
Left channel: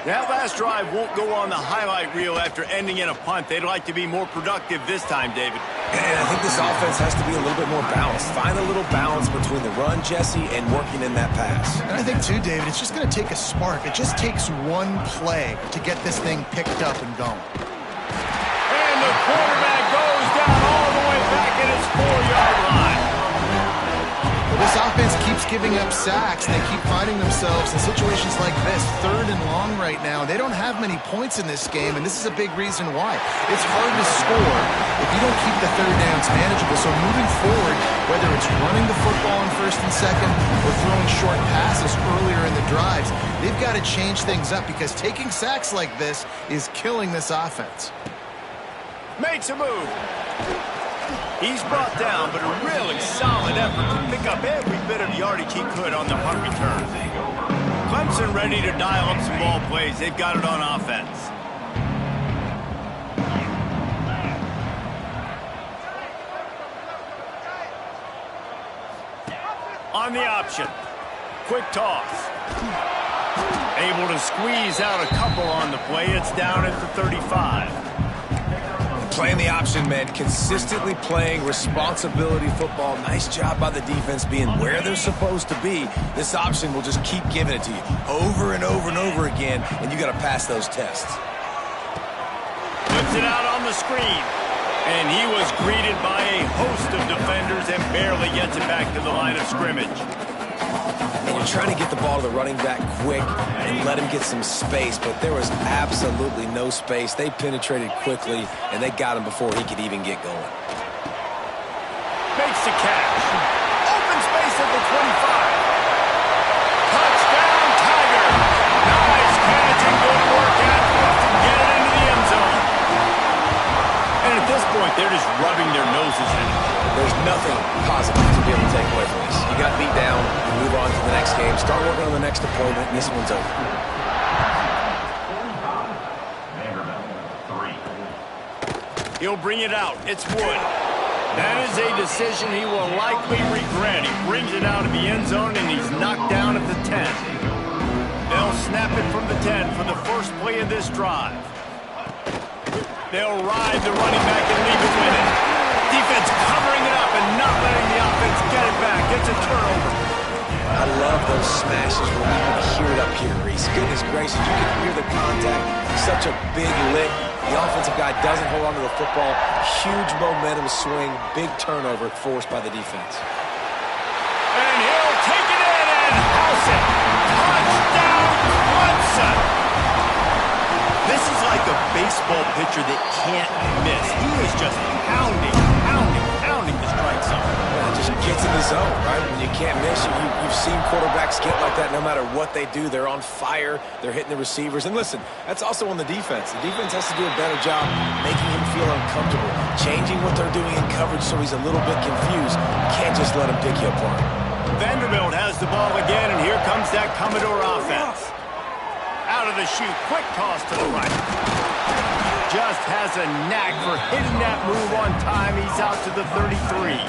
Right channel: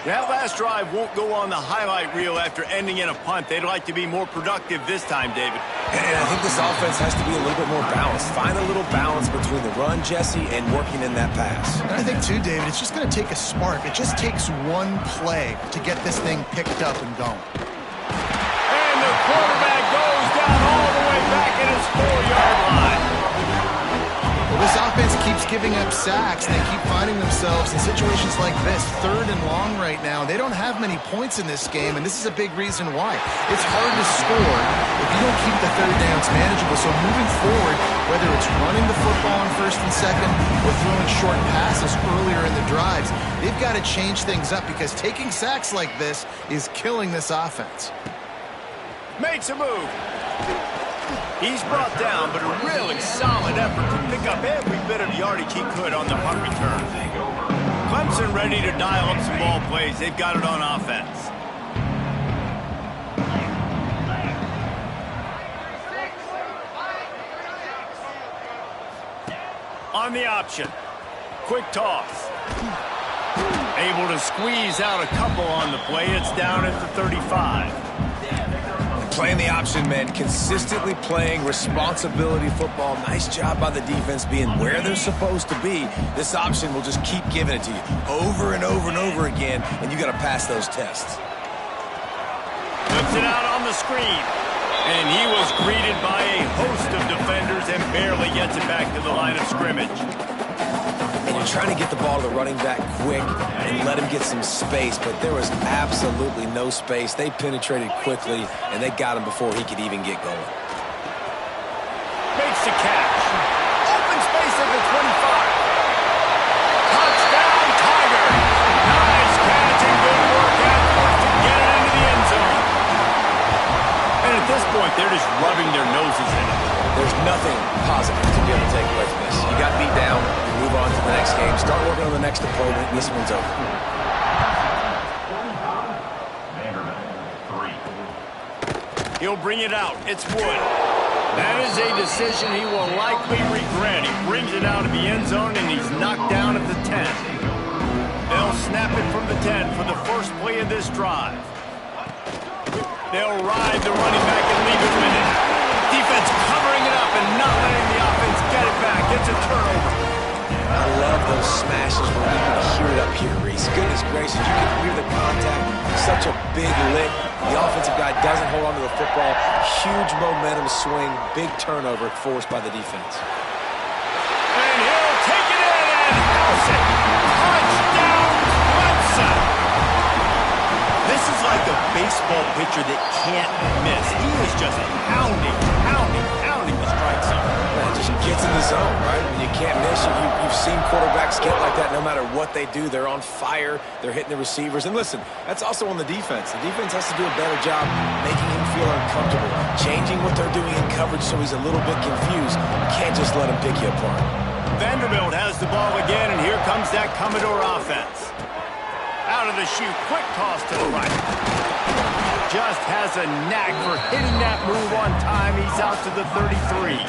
That last drive won't go on the highlight reel after ending in a punt. They'd like to be more productive this time, David. And I think this offense has to be a little bit more balanced. Find a little balance between the run, Jesse, and working in that pass. And I think, too, David, it's just going to take a spark. It just takes one play to get this thing picked up and going. And the quarterback goes down all the way back at his 4-yard line. Well, this offense keeps giving up sacks, and they keep finding themselves in situations like this, third and long right now. They don't have many points in this game, and this is a big reason why. It's hard to score if you don't keep the third downs manageable. So moving forward, whether it's running the football on first and second or throwing short passes earlier in the drives, they've got to change things up because taking sacks like this is killing this offense. Makes a move. He's brought down, but a really solid effort to pick up every bit of yardage he could on the punt return. Clemson ready to dial up some ball plays. They've got it on offense. On the option. Quick toss. Able to squeeze out a couple on the play. It's down at the 35. Playing the option, man. Consistently playing responsibility football. Nice job by the defense being where they're supposed to be. This option will just keep giving it to you over and over and over again, and you got to pass those tests. Puts it out on the screen. And he was greeted by a host of defenders and barely gets it back to the line of scrimmage. And you're trying to get the ball to the running back quick and let him get some space, but there was absolutely no space. They penetrated quickly, and they got him before he could even get going. Makes the catch. Open space at the 25. Touchdown, Tigers. Nice catch and good work afterwards to get it into the end zone. And at this point, they're just rubbing their noses in it. There's nothing positive to be able to take away from this. You got beat down, you move on to the next game, start working on the next opponent, and this one's over. He'll bring it out. It's Wood. That is a decision he will likely regret. He brings it out of the end zone, and he's knocked down at the 10. They'll snap it from the 10 for the first play of this drive. They'll ride the running back and leave it with it. Defense covering it up and not letting the offense get it back. It's a turnover. I love those smashes where you can hear it up here, Reese. Goodness gracious, you can hear the contact. Such a big lick. The offensive guy doesn't hold on to the football. Huge momentum swing. Big turnover forced by the defense. And he'll take it in and house it. Touchdown, Clemson. This is like a baseball pitcher that can't miss. He is just pounding the strike zone. Yeah, just gets in the zone, right? When you can't miss, you've seen quarterbacks get like that no matter what they do. They're on fire. They're hitting the receivers. And listen, that's also on the defense. The defense has to do a better job making him feel uncomfortable, changing what they're doing in coverage so he's a little bit confused. You can't just let him pick you apart. Vanderbilt has the ball again, and here comes that Commodore offense. Out of the chute, quick toss to the right. Just has a knack for hitting that move on time. He's out to the 33.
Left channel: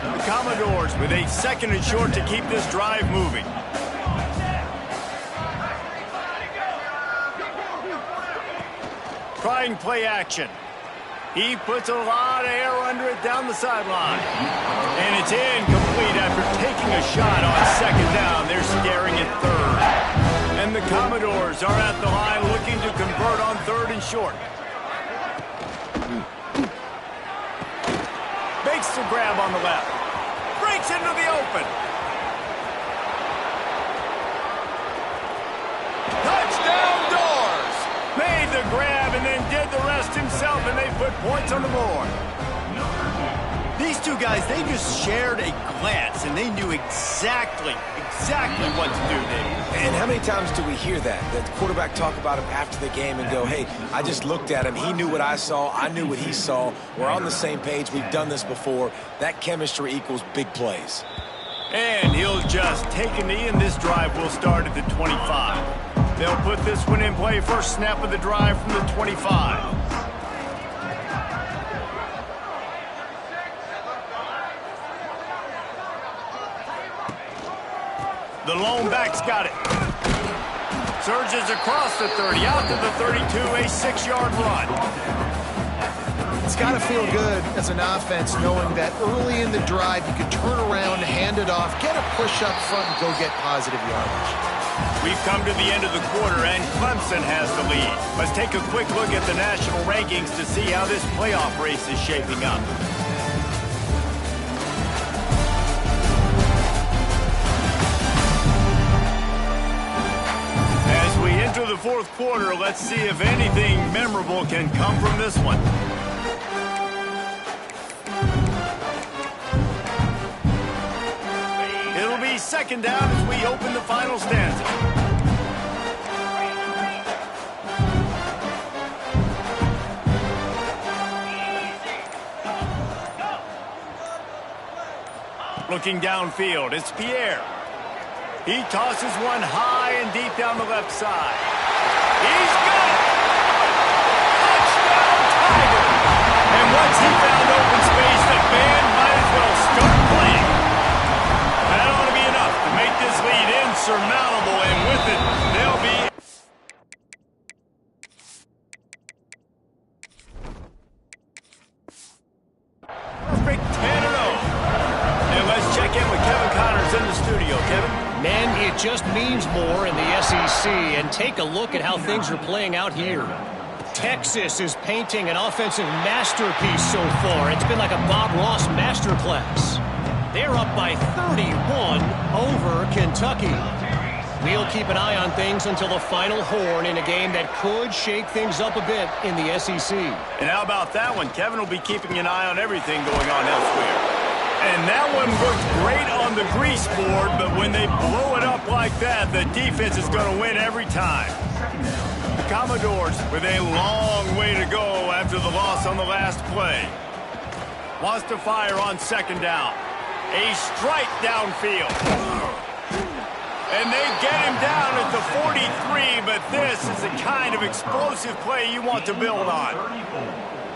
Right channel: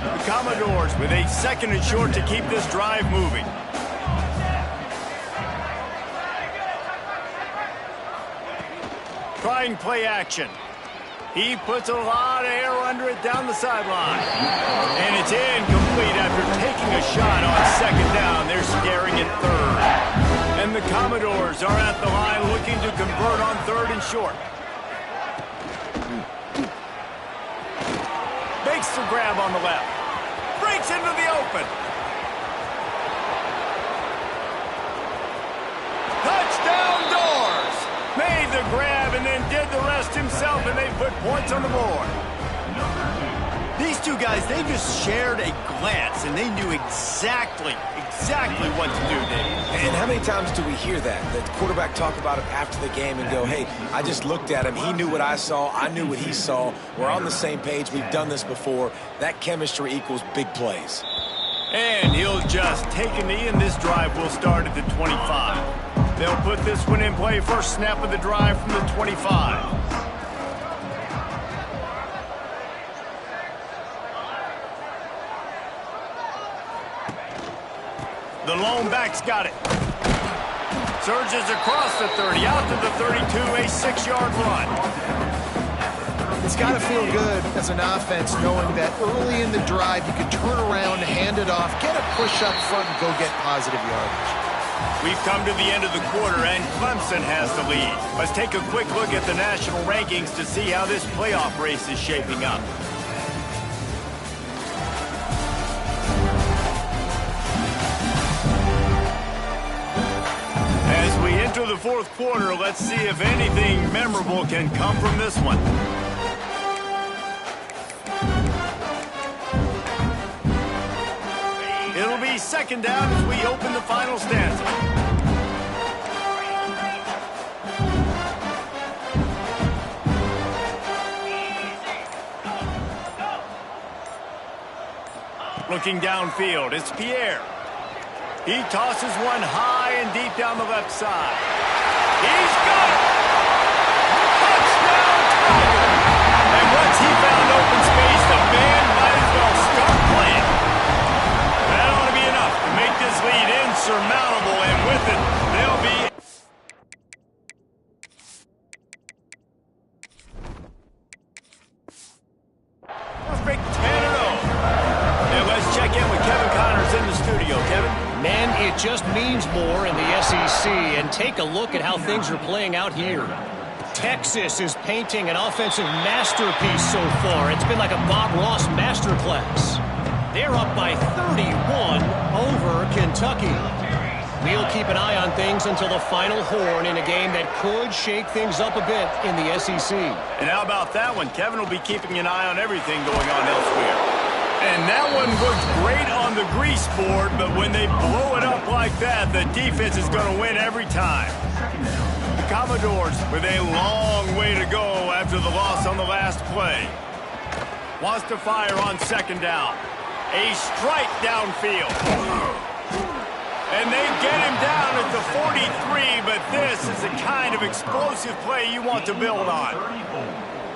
The Commodores with a second and short to keep this drive moving. Trying play action. He puts a lot of air under it down the sideline. And it's incomplete after taking a shot on second down. They're staring at third. And the Commodores are at the line looking to convert on third and short. Makes the grab on the left. Breaks into the open. Touchdown Doors! Made the grab and then did the rest himself, and they put points on the board. These two guys, they just shared a glance, and they knew exactly what to do, Dave. And how many times do we hear that? The quarterback talk about him after the game and go, hey, I just looked at him. He knew what I saw. I knew what he saw. We're on the same page. We've done this before. That chemistry equals big plays. And he'll just take a knee, and this drive will start at the 25. They'll put this one in play. First snap of the drive from the 25. The lone back's got it. Surges across the 30, out to the 32, a 6-yard run. It's got to feel good as an offense knowing that early in the drive you can turn around, hand it off, get a push up front, and go get positive yardage. We've come to the end of the quarter, and Clemson has the lead. Let's take a quick look at the national rankings to see how this playoff race is shaping up. As we enter the fourth quarter, let's see if anything memorable can come from this one. It'll be second down as we open the final stanza. Looking downfield, it's Pierre. He tosses one high and deep down the left side. He's got it! Touchdown, Tiger! And once he found open space, the band might as well start playing. That ought to be enough to make this lead insurmountable, and with it, they'll be... perfect 10-0. And let's check in with Kevin Connors in the studio. Kevin? Man, it just means more in the SEC, and take a look at how things are playing out here. Texas is painting an offensive masterpiece so far. It's been like a Bob Ross masterclass. They're up by 31 over Kentucky. We'll keep an eye on things until the final horn in a game that could shake things up a bit in the SEC. And how about that one? Kevin will be keeping an eye on everything going on elsewhere. And that one looked great on the grease board, but when they blow it up like that, the defense is going to win every time. The Commodores with a long way to go after the loss on the last play. Wants to fire on second down. A strike downfield. And they get him down at the 43, but this is the kind of explosive play you want to build on.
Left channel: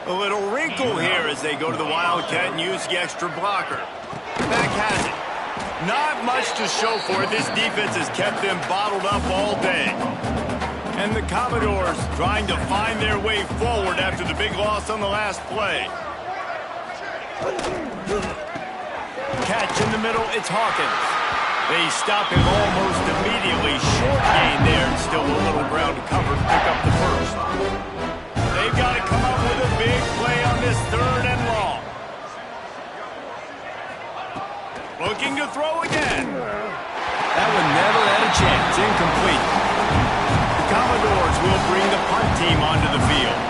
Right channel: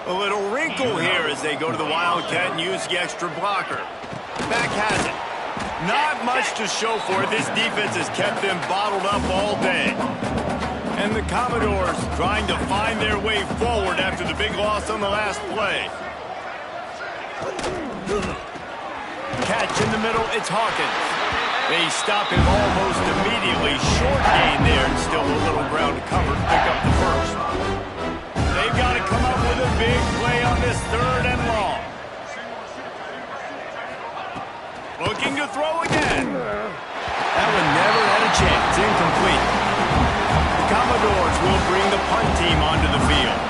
A little wrinkle here as they go to the Wildcat and use the extra blocker. Back has it. Not much to show for it. This defense has kept them bottled up all day. And the Commodores trying to find their way forward after the big loss on the last play. Catch in the middle, it's Hawkins. They stop him almost immediately. Short gain there and still a little ground to cover to pick up the first. They've got to come up with a big play on this 3rd and long. Looking to throw again. That one never had a chance. Incomplete. The Commodores will bring the punt team onto the field.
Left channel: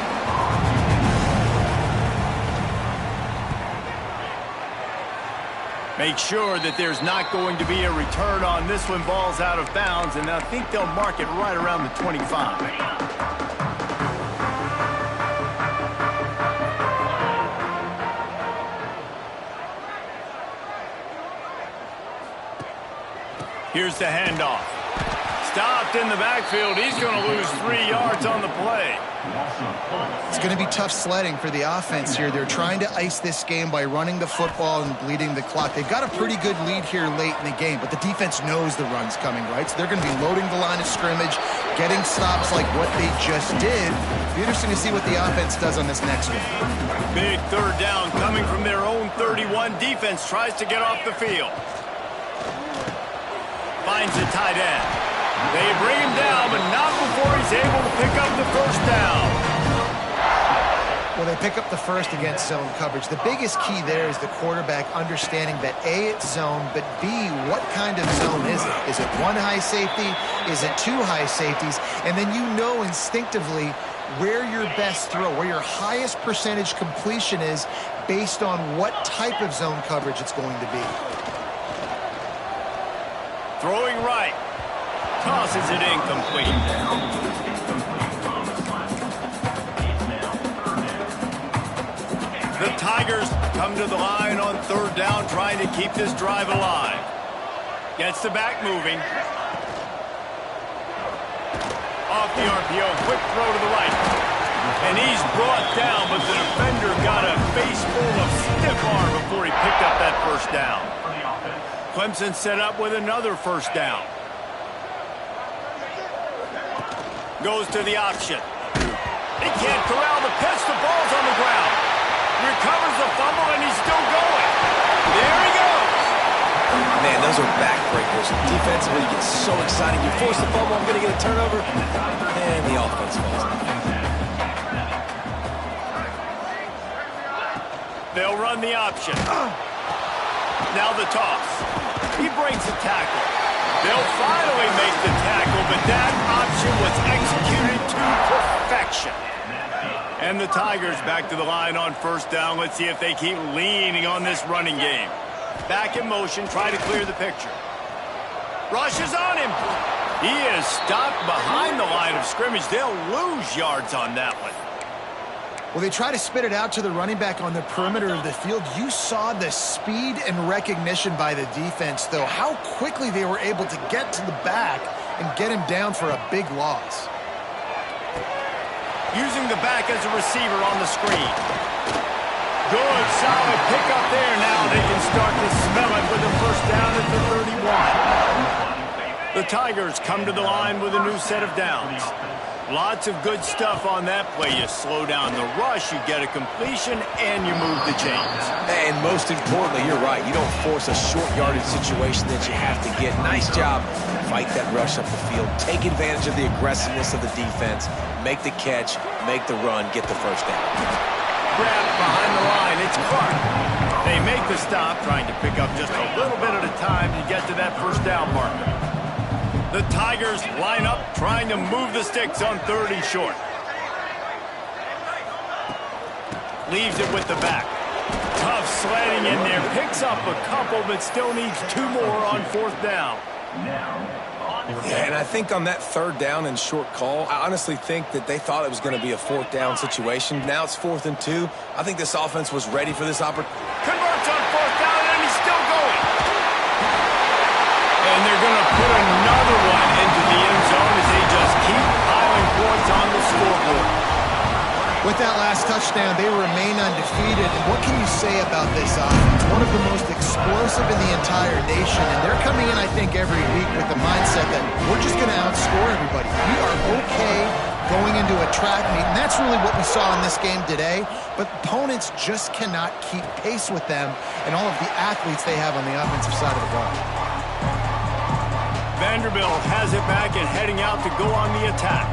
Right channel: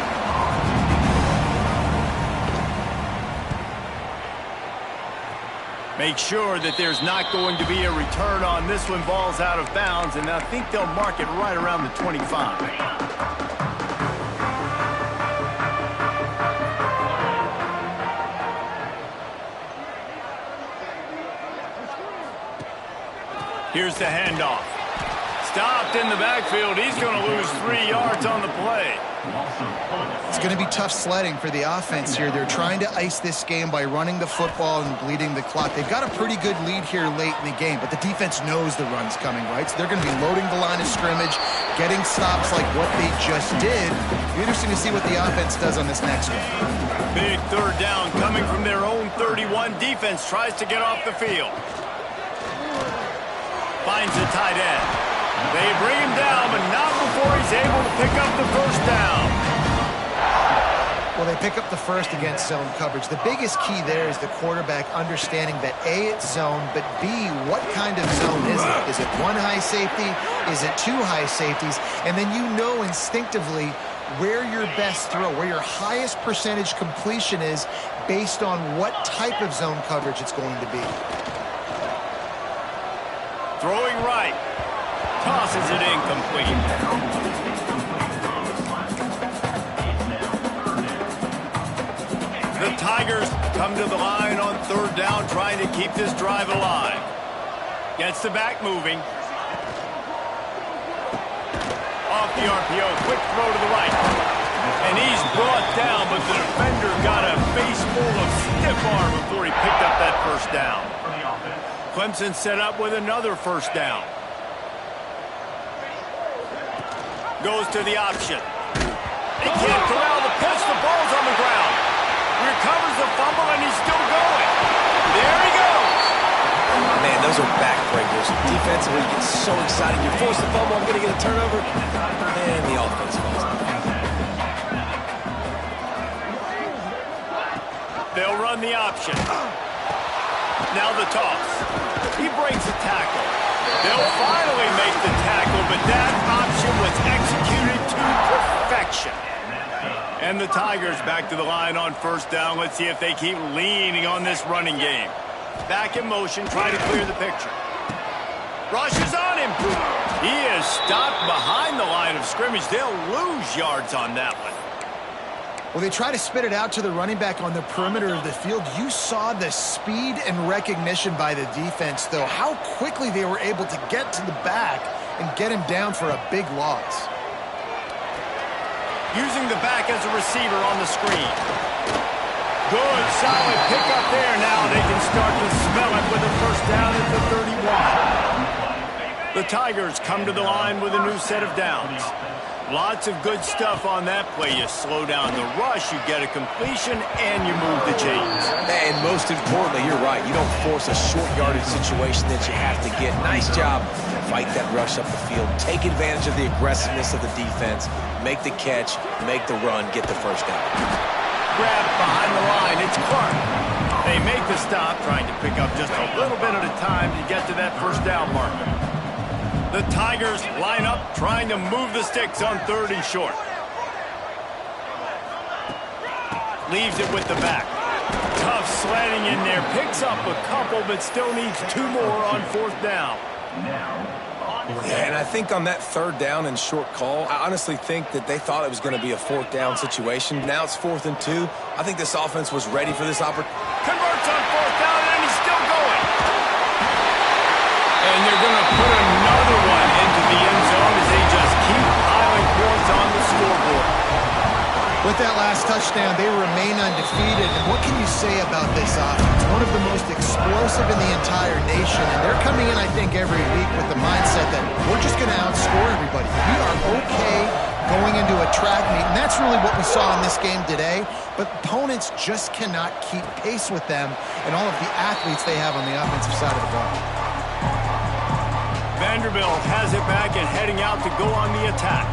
Make sure that there's not going to be a return on this one. Ball's out of bounds, and I think they'll mark it right around the 25. Here's the handoff. Stopped in the backfield. He's going to lose 3 yards on the play. It's going to be tough sledding for the offense here. They're trying to ice this game by running the football and bleeding the clock. They've got a pretty good lead here late in the game, but the defense knows the run's coming, right? So they're going to be loading the line of scrimmage, getting stops like what they just did. It'll be interesting to see what the offense does on this next one. Big 3rd down coming from their own 31. Defense tries to get off the field. Finds the tight end. They bring him down, but not before he's able to pick up the first down. Well, they pick up the first against zone coverage. The biggest key there is the quarterback understanding that A, it's zone, but B, what kind of zone is it? Is it 1 high safety? Is it 2 high safeties? And then you know instinctively where your best throw, where your highest percentage completion is based on what type of zone coverage it's going to be. Throwing right. Tosses it incomplete. The Tigers come to the line on 3rd down, trying to keep this drive alive. Gets the back moving. Off the RPO, quick throw to the right. And he's brought down, but the defender got a face full of stiff arm before he picked up that first down. Clemson set up with another first down. Goes to the option. He can't corral the pitch. The ball's on the ground. Recovers the fumble, and he's still going. There he goes. Man, those are backbreakers. Defensively, you get so excited. You force the fumble, I'm going to get a turnover. And the offense falls. They'll run the option. Now the toss. He breaks a tackle. They'll finally make the tackle, but that option was executed to perfection. And the Tigers back to the line on 1st down. Let's see if they keep leaning on this running game. Back in motion, try to clear the picture. Rushes on him. He is stopped behind the line of scrimmage. They'll lose yards on that one. Well, they try to spit it out to the running back on the perimeter of the field. You saw the speed and recognition by the defense, though, how quickly they were able to get to the back and get him down for a big loss. Using the back as a receiver on the screen. Good, solid pickup there. Now they can start to smell it with a first down at the 31. The Tigers come to the line with a new set of downs. Lots of good stuff on that play. You slow down the rush, you get a completion, and you move the chains. And most importantly, you're right. You don't force a short yardage situation that you have to get. Nice job. Fight that rush up the field. Take advantage of the aggressiveness of the defense. Make the catch, make the run, get the first down. Grab behind the line. It's Clark. They make the stop, trying to pick up just a little bit at a time to get to that first down marker. The Tigers line up, trying to move the sticks on 3rd and short. Leaves it with the back. Tough sledding in there. Picks up a couple, but still needs 2 more on 4th down. Yeah, and I think on that 3rd down and short call, I honestly think that they thought it was going to be a 4th down situation. Now it's 4th and 2. I think this offense was ready for this opportunity. Converts on 4th down, and he's still going. And they're going to put another one into the end zone as they just keep piling points on the scoreboard. With that last touchdown, they remain undefeated. And what can you say about this offense? One of the most explosive in the entire nation. And they're coming in, I think, every week with the mindset that we're just going to outscore everybody. We are okay going into a track meet. And that's really what we saw in this game today. But opponents just cannot keep pace with them and all of the athletes they have on the offensive side of the ball. Vanderbilt has it back and heading out to go on the attack.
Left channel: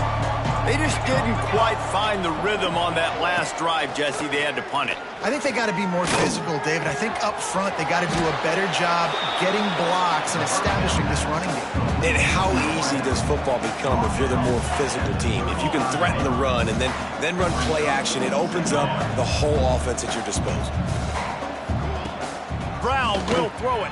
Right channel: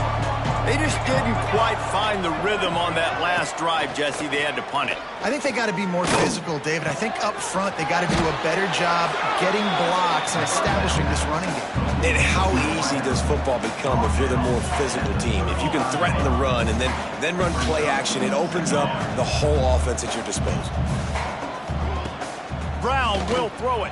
They just didn't quite find the rhythm on that last drive, Jesse. They had to punt it. I think they got to be more physical, David. I think up front they got to do a better job getting blocks and establishing this running game. And how easy does football become if you're the more physical team? If you can threaten the run and then run play action, it opens up the whole offense at your disposal. Brown will throw it.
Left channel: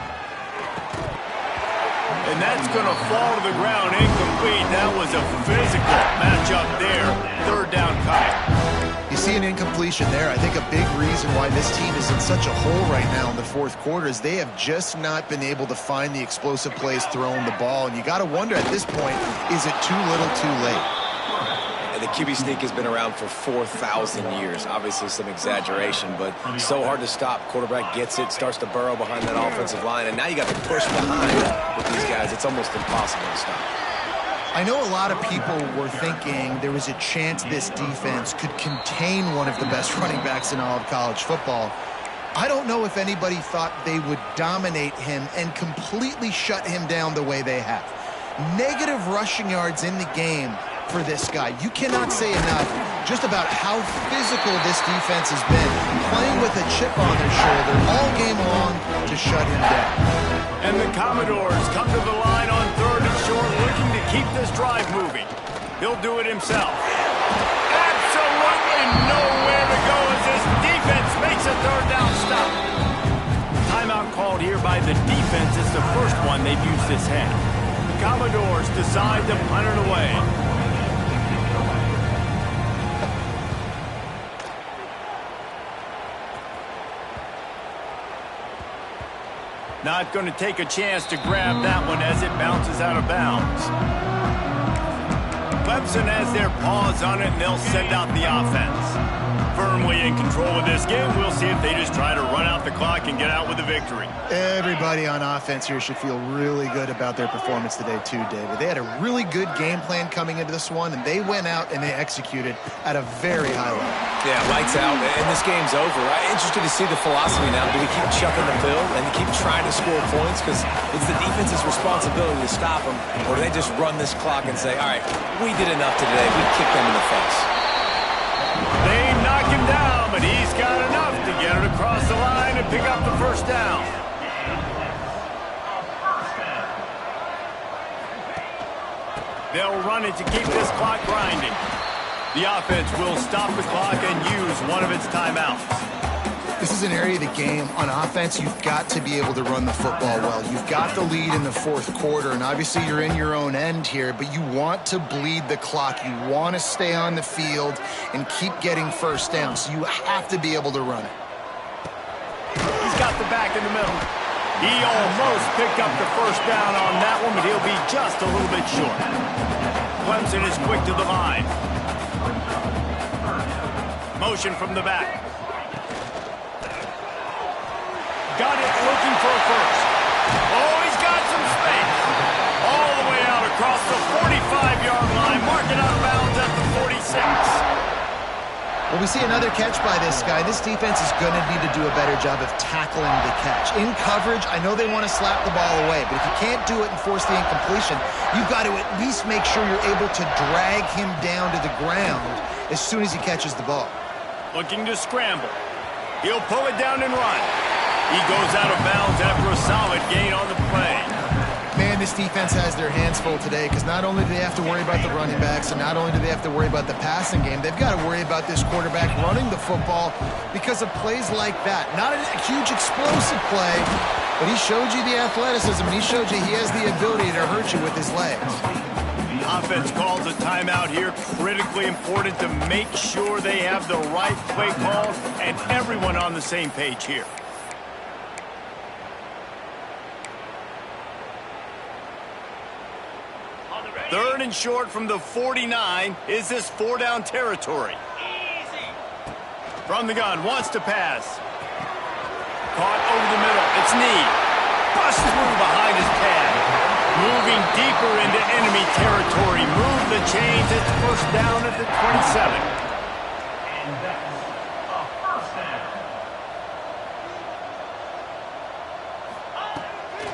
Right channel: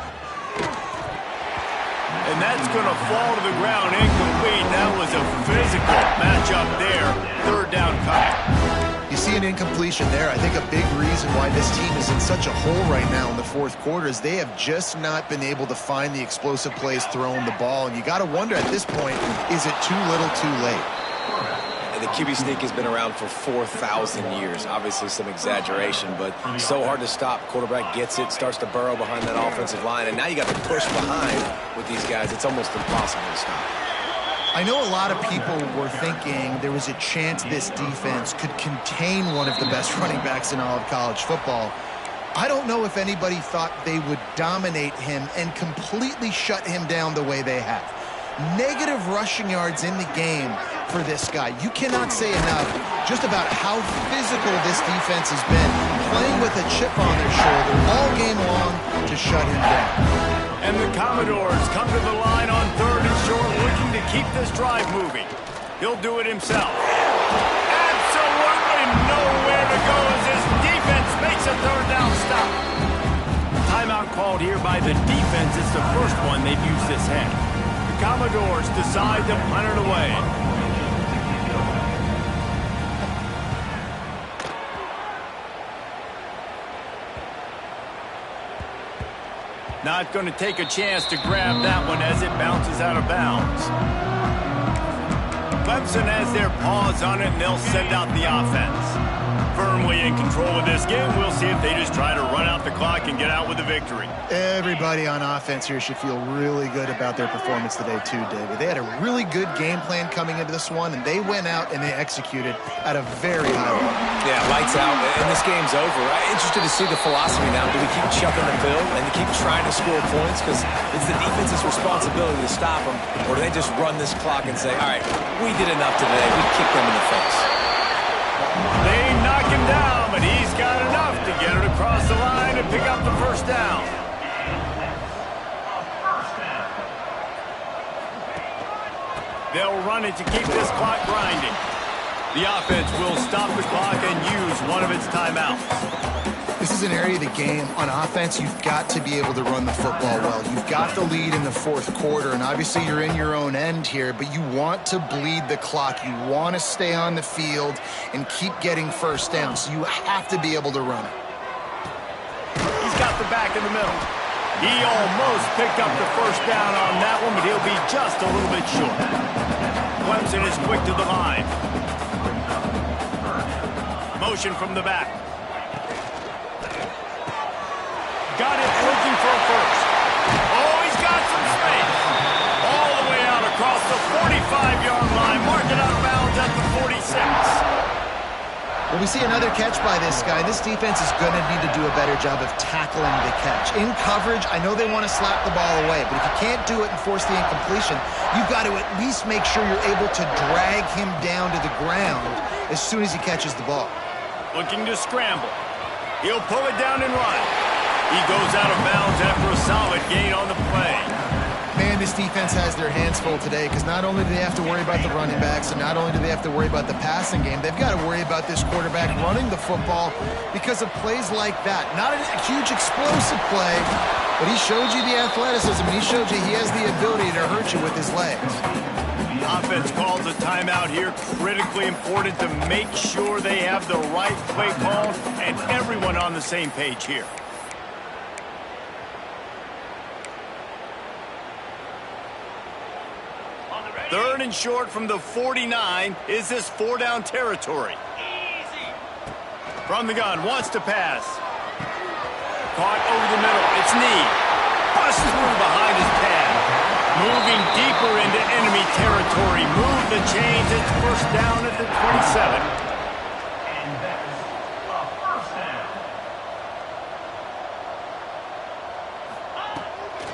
And that's going to fall to the ground incomplete. That was a physical matchup there. Third down coming. You see an incompletion there. I think a big reason why this team is in such a hole right now in the fourth quarter is they have just not been able to find the explosive plays throwing the ball. And you got to wonder at this point, is it too little too late? And the QB sneak has been around for 4,000 years. Obviously some exaggeration, but so hard to stop. Quarterback gets it, starts to burrow behind that offensive line, and now you got to push behind with these guys. It's almost impossible to stop. I know a lot of people were thinking there was a chance this defense could contain one of the best running backs in all of college football. I don't know if anybody thought they would dominate him and completely shut him down the way they have. Negative rushing yards in the game for this guy. You cannot say enough just about how physical this defense has been, playing with a chip on their shoulder all game long to shut him down. And the Commodores come to the line on third and short, looking to keep this drive moving. He'll do it himself. Absolutely nowhere to go as this defense makes a third down stop. Timeout called here by the defense. It's the first one they've used this half. The Commodores decide to punt it away. Not going to take a chance to grab that one as it bounces out of bounds. Clemson has their paws on it, and they'll send out the offense. Firmly in control of this game. We'll see if they just try to run out the clock and get out with a victory. Everybody on offense here should feel really good about their performance today too, David. They had a really good game plan coming into this one, and they went out and they executed at a very high level. Yeah, lights out, and this game's over. I'm interested to see the philosophy now. Do we keep chucking the pill and keep trying to score points because it's the defense's responsibility to stop them, or do they just run this clock and say, all right, we did enough today. We kicked them in the face. They knock him down, but he's got enough to get it across the line and pick up the first down. They'll run it to keep this clock grinding. The offense will stop the clock and use one of its timeouts. This is an area of the game. On offense, you've got to be able to run the football well. You've got the lead in the fourth quarter, and obviously you're in your own end here, but you want to bleed the clock. You want to stay on the field and keep getting first down, so you have to be able to run it. He's got the back in the middle. He almost picked up the first down on that one, but he'll be just a little bit short. Clemson is quick to the line. Motion from the back. Got it, looking for a first. Oh, he's got some space. All the way out across the 45-yard line. Mark it out of bounds at the 46. Well, we see another catch by this guy. This defense is going to need to do a better job of tackling the catch. In coverage, I know they want to slap the ball away, but if you can't do it and force the incompletion, you've got to at least make sure you're able to drag him down to the ground as soon as he catches the ball. Looking to scramble. He'll pull it down and run. He goes out of bounds after a solid gain on the play. Man, this defense has their hands full today because not only do they have to worry about the running backs and not only do they have to worry about the passing game, they've got to worry about this quarterback running the football because of plays like that. Not a huge explosive play, but he showed you the athleticism and he showed you he has the ability to hurt you with his legs. Offense calls a timeout here. Critically important to make sure they have the right play call and everyone on the same page here. Third and short from the 49. Is this four-down territory? From the gun, wants to pass. Caught over the middle. It's Need. Busts through behind his pad. Moving deeper into enemy territory. Move the chains. It's first down at the 27. And that's a first down.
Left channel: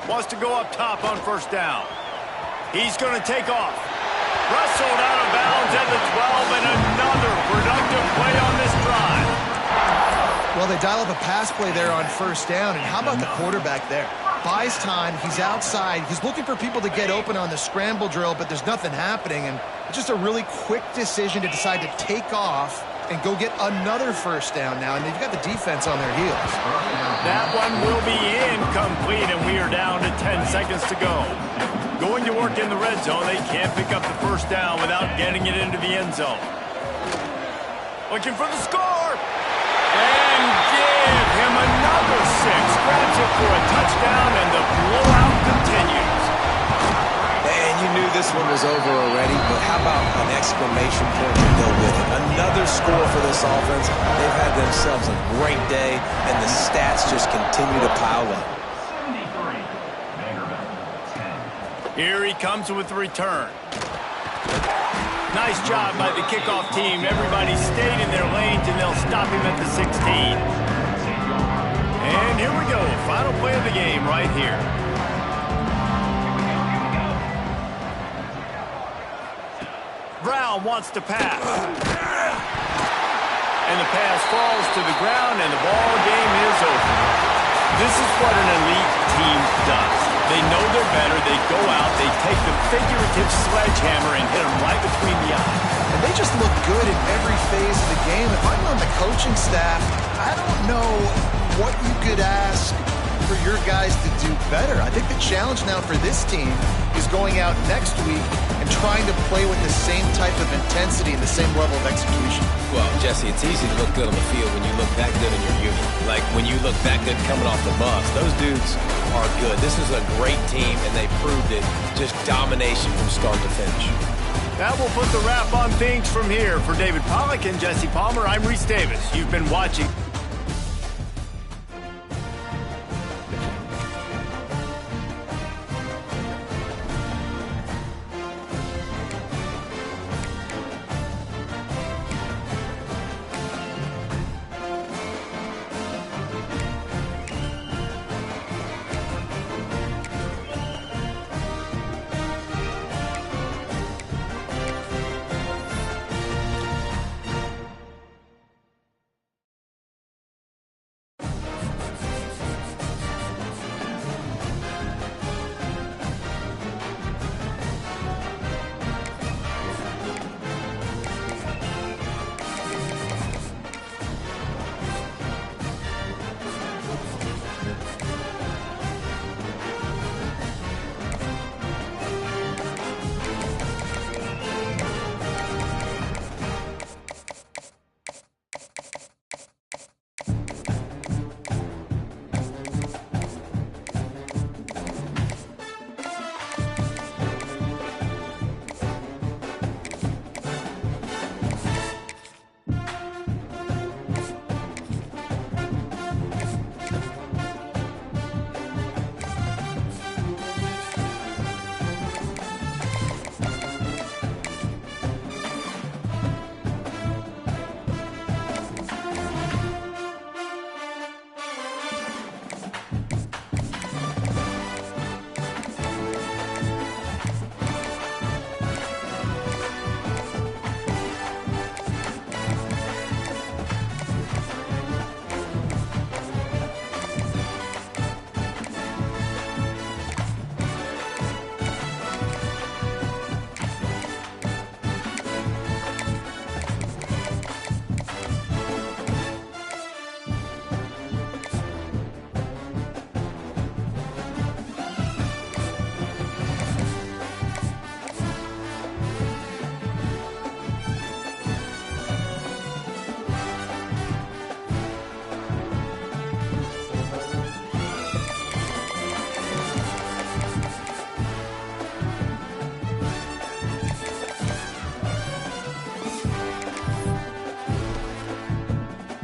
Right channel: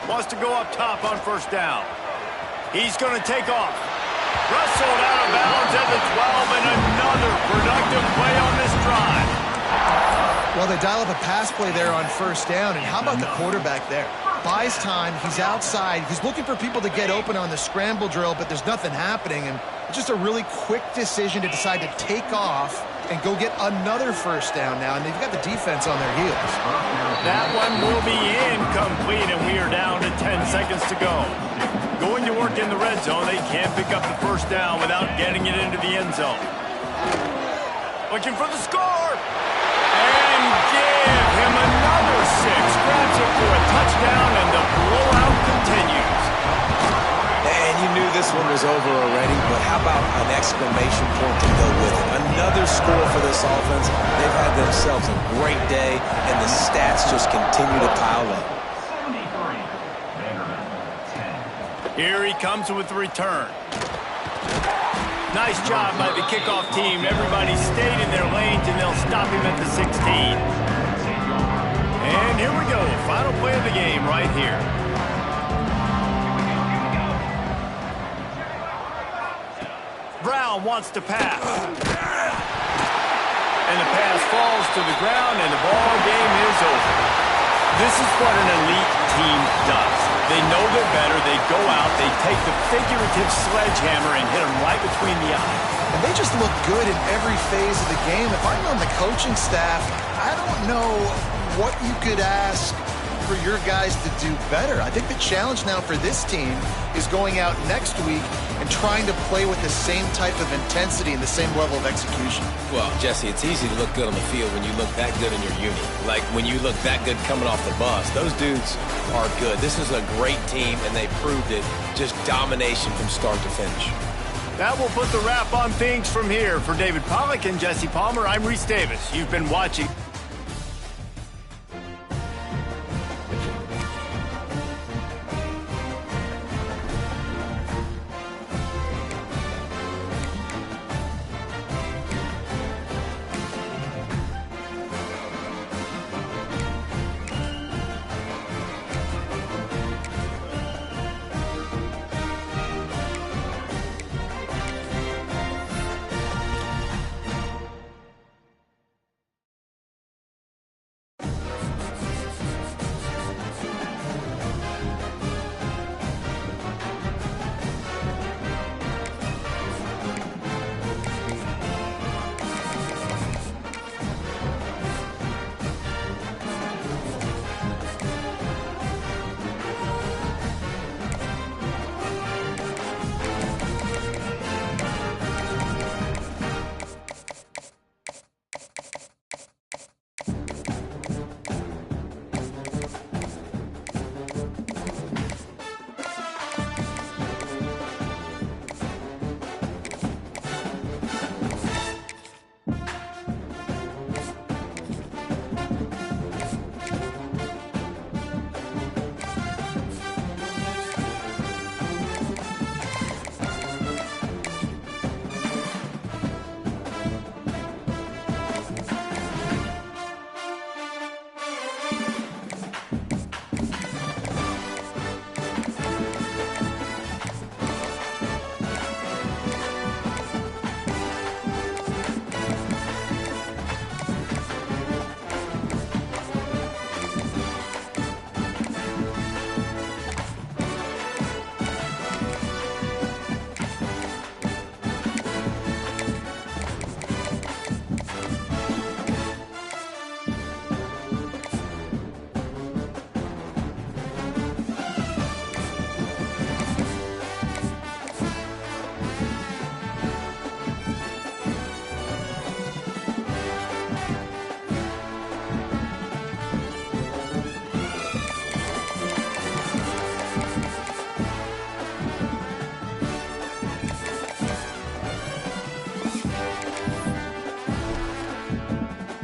Wants to go up top on first down. He's going to take off. Wrestled out of bounds at the 12, and another productive play on this drive. Well, they dial up a pass play there on first down, and how about the quarterback there? Buys time, he's outside, he's looking for people to get open on the scramble drill, but there's nothing happening, and it's just a really quick decision to decide to take off and go get another first down now, and they've got the defense on their heels. That one will be incomplete, and we are down to 10 seconds to go. Going to work in the red zone, they can't pick up the first down without getting it into the end zone. Looking for the score! And give him another 6. Grabs it for a touchdown, and the blowout continues. And you knew this one was over already, but how about an exclamation point to go with it? Another score for this offense. They've had themselves a great day, and the stats just continue to pile up. 73. Vanderbilt, 10. Here he comes with the return. Nice job by the kickoff team. Everybody stayed in their lanes, and they'll stop him at the 16. And here we go. Final play of the game right here. Brown wants to pass. And the pass falls to the ground, and the ball game is over. This is what an elite team does. They know they're better. They go out. They take the figurative sledgehammer and hit them right between the eyes. And they just look good in every phase of the game. If I'm on the coaching staff, I don't know what you could ask for your guys to do better. I think the challenge now for this team is going out next week and trying to play with the same type of intensity and the same level of execution. Well, Jesse, it's easy to look good on the field when you look that good in your unit. Like when you look that good coming off the bus. Those dudes are good. This is a great team, and they proved it. Just domination from start to finish. That will put the wrap on things from here. For David Pollack and Jesse Palmer, I'm Reese Davis. You've been watching